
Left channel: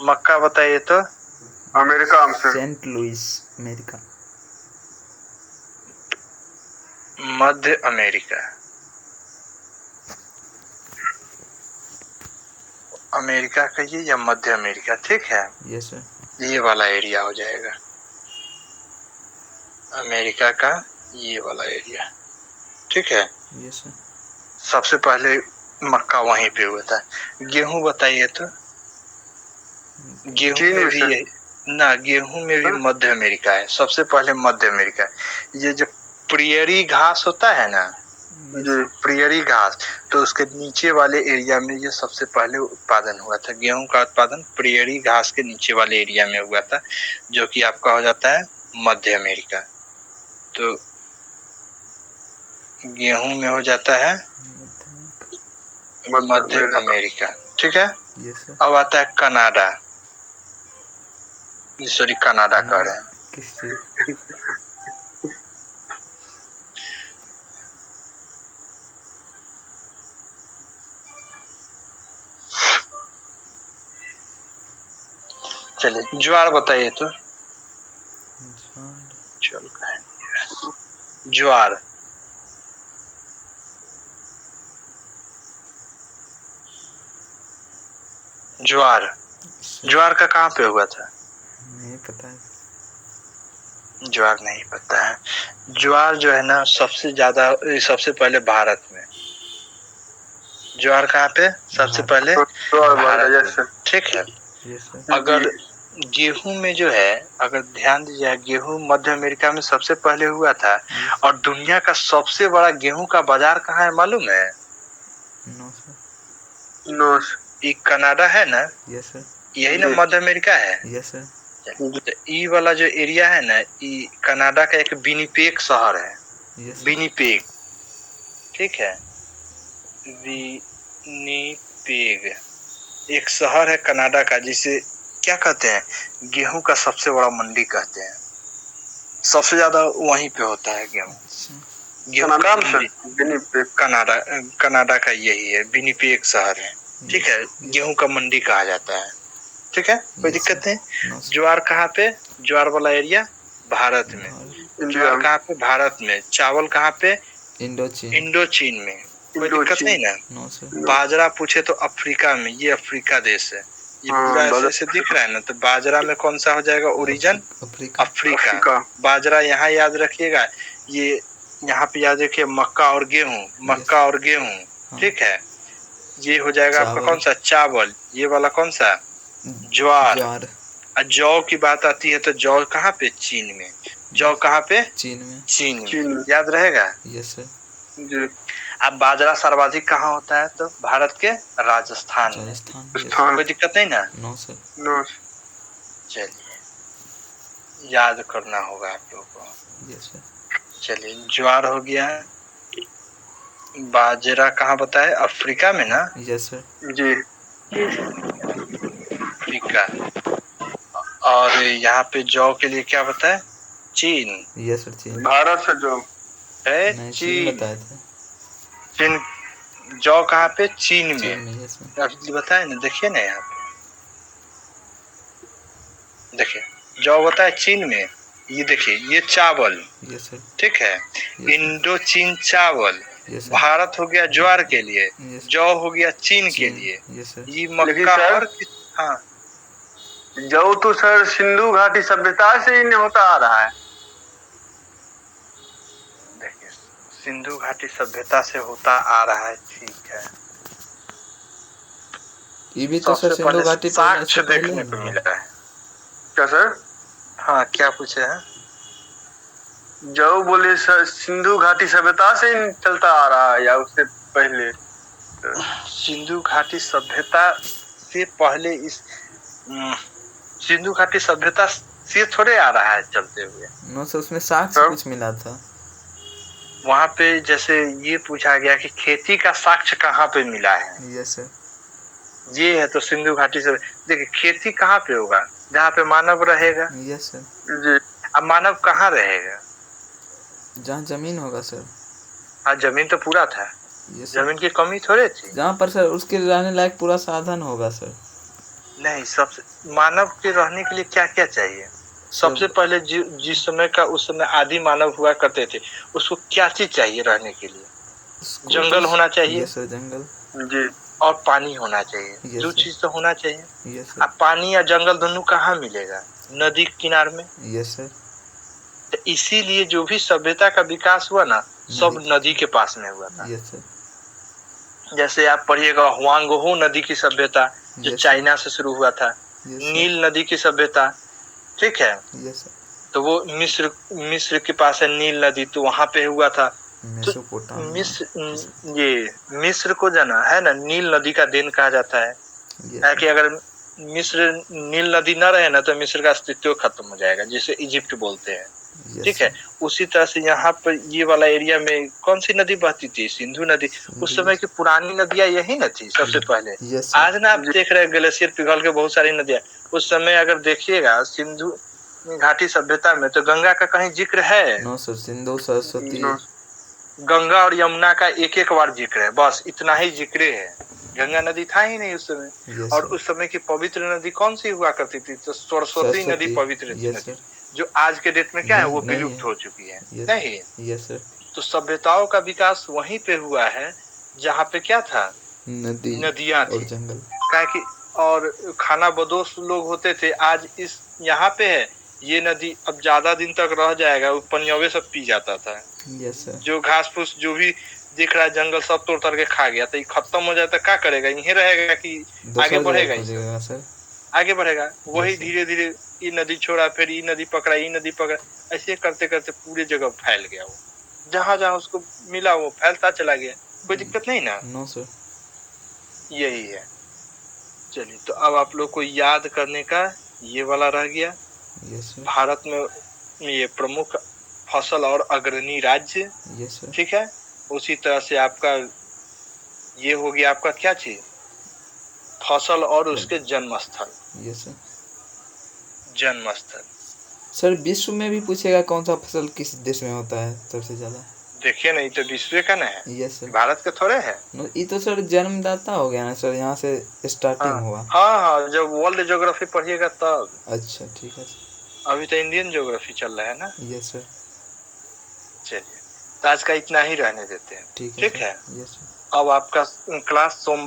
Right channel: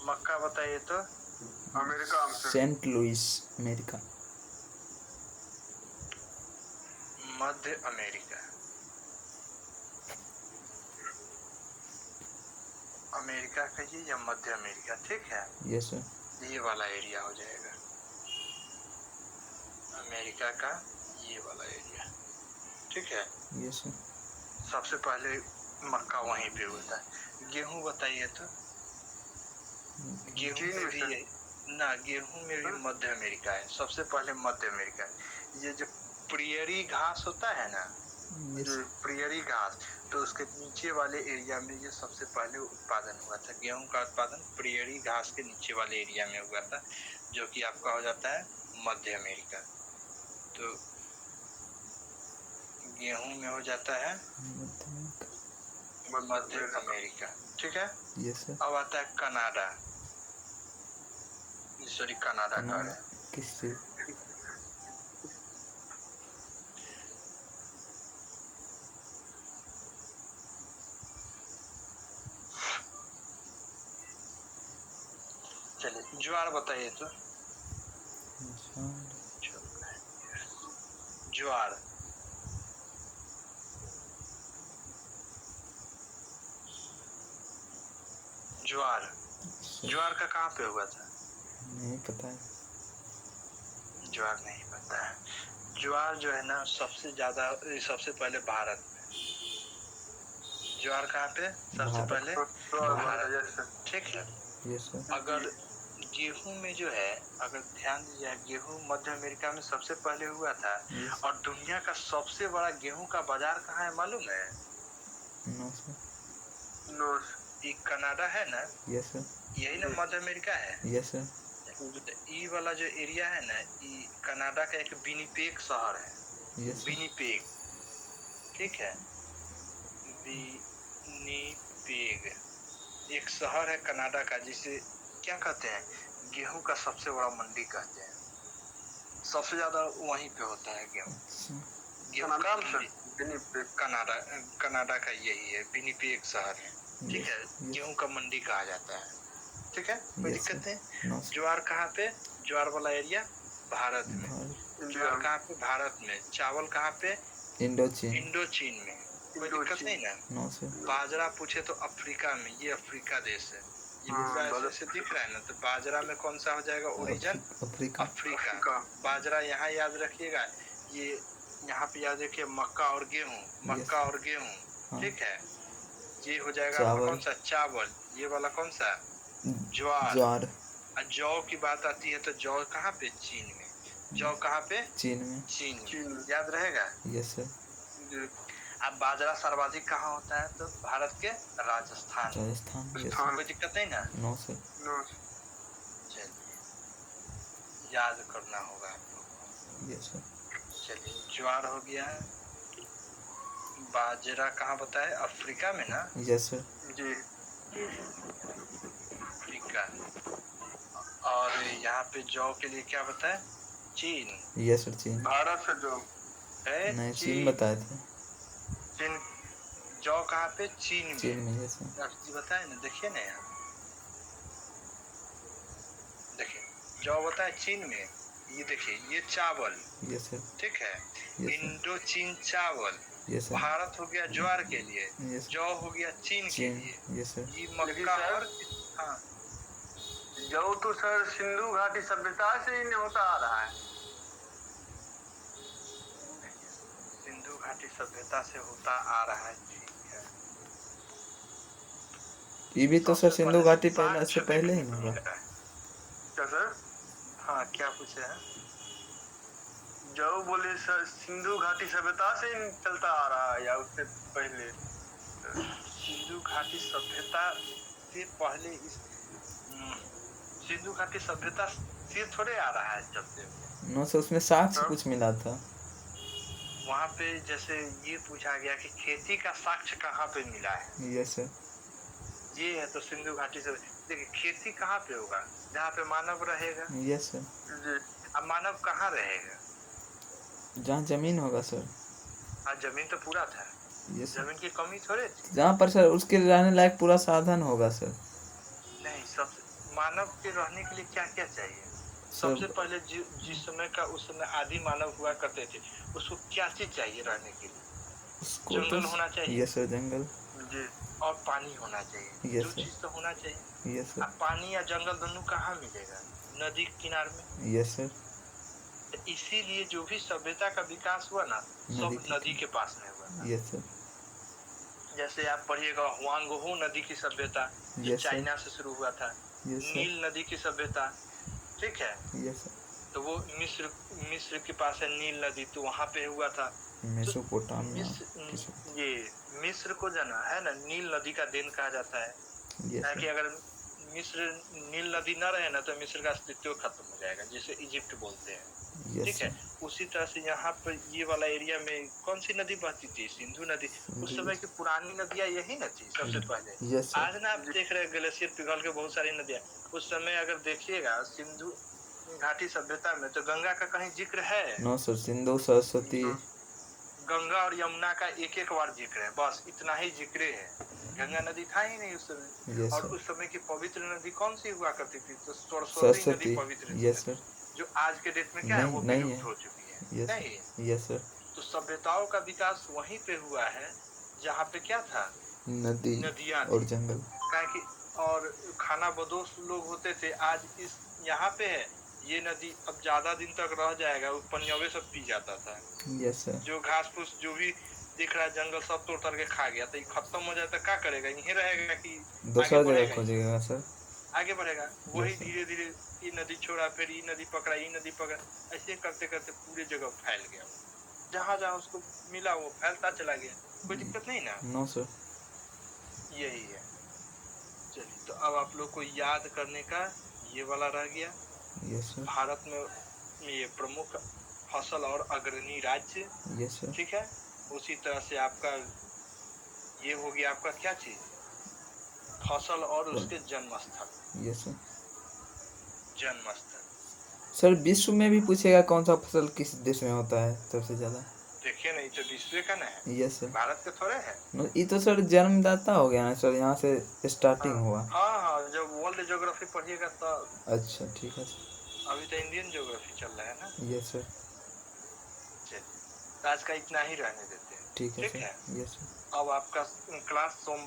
मक्का बताइए तो। अमेरिका में। Saint Louis, America. मध्य अमेरिका। अमेरिका कहिए या मध्य अमेरिका, ठीक है। Yes sir. ये वाला एरिया हो जाएगा अमेरिका का, ये वाला एरिया। ठीक है। Yes sir. सबसे पहले मक्का वहीं पे हुआ था। गेहूं बताइए तो। गेहूं में भी यही ना, गेहूं में भी मध्य अमेरिका है। सबसे पहले मध्य अमेरिका। ये जो प्रियरी घास होता है ना, प्रियरी घास, तो उसके नीचे वाले एरिया में ये सबसे पहले उत्पादन हुआ था। गेहूं का उत्पादन प्रियरी घास के नीचे वाले एरिया में हुआ था, जो कि आपका हो जाता है मध्य अमेरिका। तो गेहूं में हो जाता है मध्य अमेरिका। ठीक है। Yes sir. अब आता है कनाडा, सॉरी कनाडा कह रहे हैं। किससे? चलिए ज्वार बताइए तो। ज्वार। चल ज्वार ज्वार ज्वार का कहाँ पे हुआ था? नहीं पता है। ज्वार नहीं पता है। ज्वार जो है ना सबसे ज्यादा सबसे पहले भारत में। ज्वार कहाँ पे सबसे भारत। पहले? भारत यस में। ठीक है। Yes sir. अगर गेहूं में जो है, अगर ध्यान दीजिए, गेहूं मध्य अमेरिका में सबसे पहले हुआ था। यस और दुनिया का सबसे बड़ा गेहूं का बाजार कहाँ है मालूम है? No sir. नो ये कनाडा है ना, यस सर। यही ना मध्य अमेरिका है। Yes sir. तो ई वाला जो एरिया है ना, ये कनाडा का एक विनिपेग शहर है। Yes sir. विनिपेग, ठीक है, विनिपेग एक शहर है कनाडा का, जिसे क्या कहते हैं, गेहूं का सबसे बड़ा मंडी कहते हैं। सबसे ज्यादा वहीं पे होता है गेहूं। अच्छा। गेहूं का कनाडा मंडी कनाडा कनाडा का यही है, विनिपेग शहर है। ठीक है, गेहूं का मंडी कहा जाता है। ठीक है, कोई दिक्कत नहीं। No sir. ज्वार कहाँ पे? ज्वार वाला एरिया भारत में। भारत। ज्वार कहाँ पे? भारत में। चावल कहाँ पे? इंडोचीन। इंडोचीन में। कोई दिक्कत नहीं ना। No sir. बाजरा पूछे तो अफ्रीका में, ये अफ्रीका देश है। ये पूरा ऐसे ऐसे दिख रहा है ना, तो बाजरा में कौन सा हो जाएगा ओरिजिन? अफ्रीका। अफ्रीका। बाजरा यहाँ याद रखिएगा। ये यहाँ पे याद रखिए मक्का और गेहूं, मक्का और गेहूं। ठीक है, ये हो जाएगा आपका कौन सा? चावल। ये वाला कौन सा? ज्वार। ज्वार। जौ की बात आती है तो जौ कहाँ पे? चीन में। जौ कहाँ पे? चीन में। चीन में। याद रहेगा। Yes sir. अब बाजरा सर्वाधिक कहाँ होता है? तो भारत के राजस्थान में। राजस्थान। कोई दिक्कत नहीं ना। No sir. चलिए, याद करना होगा आप लोगों को। Yes sir. चलिए, ज्वार हो गया। बाजरा कहाँ बताए? अफ्रीका में ना। Yes sir. जी। अफ्रीका। और यहाँ पे जौ के लिए क्या बताए? चीन। Yes sir. चीन। भारत से जो है नहीं, चीन चीन बताए थे। चीन। जौ कहाँ पे? चीन में। चीन में। Yes sir. अभी बताए ना, देखिए ना यहाँ पे, देखिए जौ बताए चीन में। ये देखिए, ये चावल। Yes sir. ठीक है, इंडो चीन चावल। Yes sir. भारत हो गया ज्वार के लिए, यस। जौ हो गया चीन के लिए। Yes sir. ये मक्का और हाँ, जौ तो सर सिंधु घाटी सभ्यता से ही होता आ रहा है। देखिए सिंधु घाटी सभ्यता से होता आ रहा है। ठीक है, ये भी तो सर सिंधु घाटी पहले से पहले देखने ही को ना। मिला है। क्या सर? हाँ, क्या पूछे हैं? जौ बोले सर सिंधु घाटी सभ्यता से ही चलता आ रहा है या उससे पहले? सिंधु घाटी सभ्यता से पहले इस सिंधु घाटी सभ्यता से थोड़े आ रहा है चलते हुए। नो सर, उसमें साक्ष्य कुछ मिला था वहाँ पे। जैसे ये पूछा गया कि खेती का साक्ष्य कहाँ पे मिला है। Yes sir. ये है तो सिंधु घाटी से। देखिए, खेती कहाँ पे होगा? जहाँ पे मानव रहेगा। Yes sir. जी। अब मानव कहाँ रहेगा? जहाँ जमीन होगा सर। हाँ, जमीन तो पूरा था। Yes sir. जमीन की कमी थोड़े थी। जहाँ पर सर उसके रहने लायक पूरा साधन होगा सर। नहीं, सबसे मानव के रहने के लिए क्या क्या चाहिए? सबसे पहले जिस समय का, उस समय आदि मानव हुआ करते थे, उसको क्या चीज चाहिए रहने के लिए? जंगल होना चाहिए। Yes sir. जंगल। जी। और पानी होना चाहिए। दो चीज तो होना चाहिए। Yes sir. अब पानी या जंगल दोनों कहाँ मिलेगा? नदी के किनारे में। Yes sir. तो इसीलिए जो भी सभ्यता का विकास हुआ ना, सब नदी के पास में हुआ था। Yes sir. जैसे आप पढ़िएगा हुआंगहो नदी की सभ्यता, जो चाइना से शुरू हुआ था। नील नदी की सभ्यता, ठीक है। Yes sir. तो वो मिस्र के पास है नील नदी, तो वहां पे हुआ था। तो मिस्र को जाना है ना, नील नदी का देन कहा जाता है। कि अगर मिस्र नील नदी न रहे ना, तो मिस्र का अस्तित्व खत्म हो जाएगा, जिसे इजिप्ट बोलते हैं। ठीक है, उसी तरह से यहाँ पर ये वाला एरिया में कौन सी नदी बहती थी? सिंधु नदी। उस समय की पुरानी नदियां यही न थी सबसे पहले। आज ना आप देख रहे हैं ग्लेशियर पिघल के बहुत सारी नदियां। उस समय अगर देखिएगा सिंधु घाटी सभ्यता में, तो गंगा का कहीं जिक्र है? No sir. सिंधु, सरस्वती, गंगा और यमुना का एक एक बार जिक्र है, बस इतना ही जिक्र है। गंगा नदी था ही नहीं उस समय। और उस समय की पवित्र नदी कौन सी हुआ करती थी? तो सरस्वती नदी पवित्र नदी, जो आज के डेट में क्या है, वो विलुप्त हो चुकी है। नहीं। Yes sir. तो सभ्यताओं का विकास वहीं पे हुआ है जहाँ पे क्या था? नदियाँ थी और जंगल। क्या कि और खाना बदोश लोग होते थे, आज इस यहाँ पे है ये नदी, अब ज्यादा दिन तक रह जाएगा, वो पनियवे सब पी जाता था। Yes sir. जो घास फूस जो भी दिख रहा है जंगल सब तोड़ ताड़ के खा गया, तो ये खत्म हो जाए तो क्या करेगा, यहीं रहेगा कि आगे दूसरा बढ़ेगा? जगह खोजेगा सर। आगे बढ़ेगा वही Yes, sir. धीरे धीरे ये नदी छोड़ा, फिर ये नदी पकड़ा, ये नदी पकड़ा, ऐसे करते करते पूरे जगह फैल गया। वो जहाँ जहाँ उसको मिला वो फैलता चला गया। कोई दिक्कत नहीं ना? No sir. यही है। चलिए, तो अब आप लोग को याद करने का ये वाला रह गया। Yes sir. भारत में ये प्रमुख फसल और अग्रणी राज्य। Yes sir. ठीक है, उसी तरह से आपका ये हो गया, आपका क्या चीज, फसल और उसके जन्म स्थल। Yes sir. जन्म स्थल सर विश्व में भी पूछेगा कौन सा फसल किस देश में होता है सबसे ज्यादा? देखिए नहीं तो विश्व का ना है, यस सर। भारत के थोड़े है। ये तो सर जन्मदाता हो गया ना सर, यहाँ से स्टार्टिंग हुआ। हाँ हाँ, जब वर्ल्ड ज्योग्राफी पढ़िएगा तब। अच्छा ठीक है सर। अभी तो इंडियन ज्योग्राफी चल रहा है ना। Yes sir. चलिए, तो आज का इतना ही रहने देते हैं। ठीक ठीक है। Yes sir. अब आपका क्लास सोम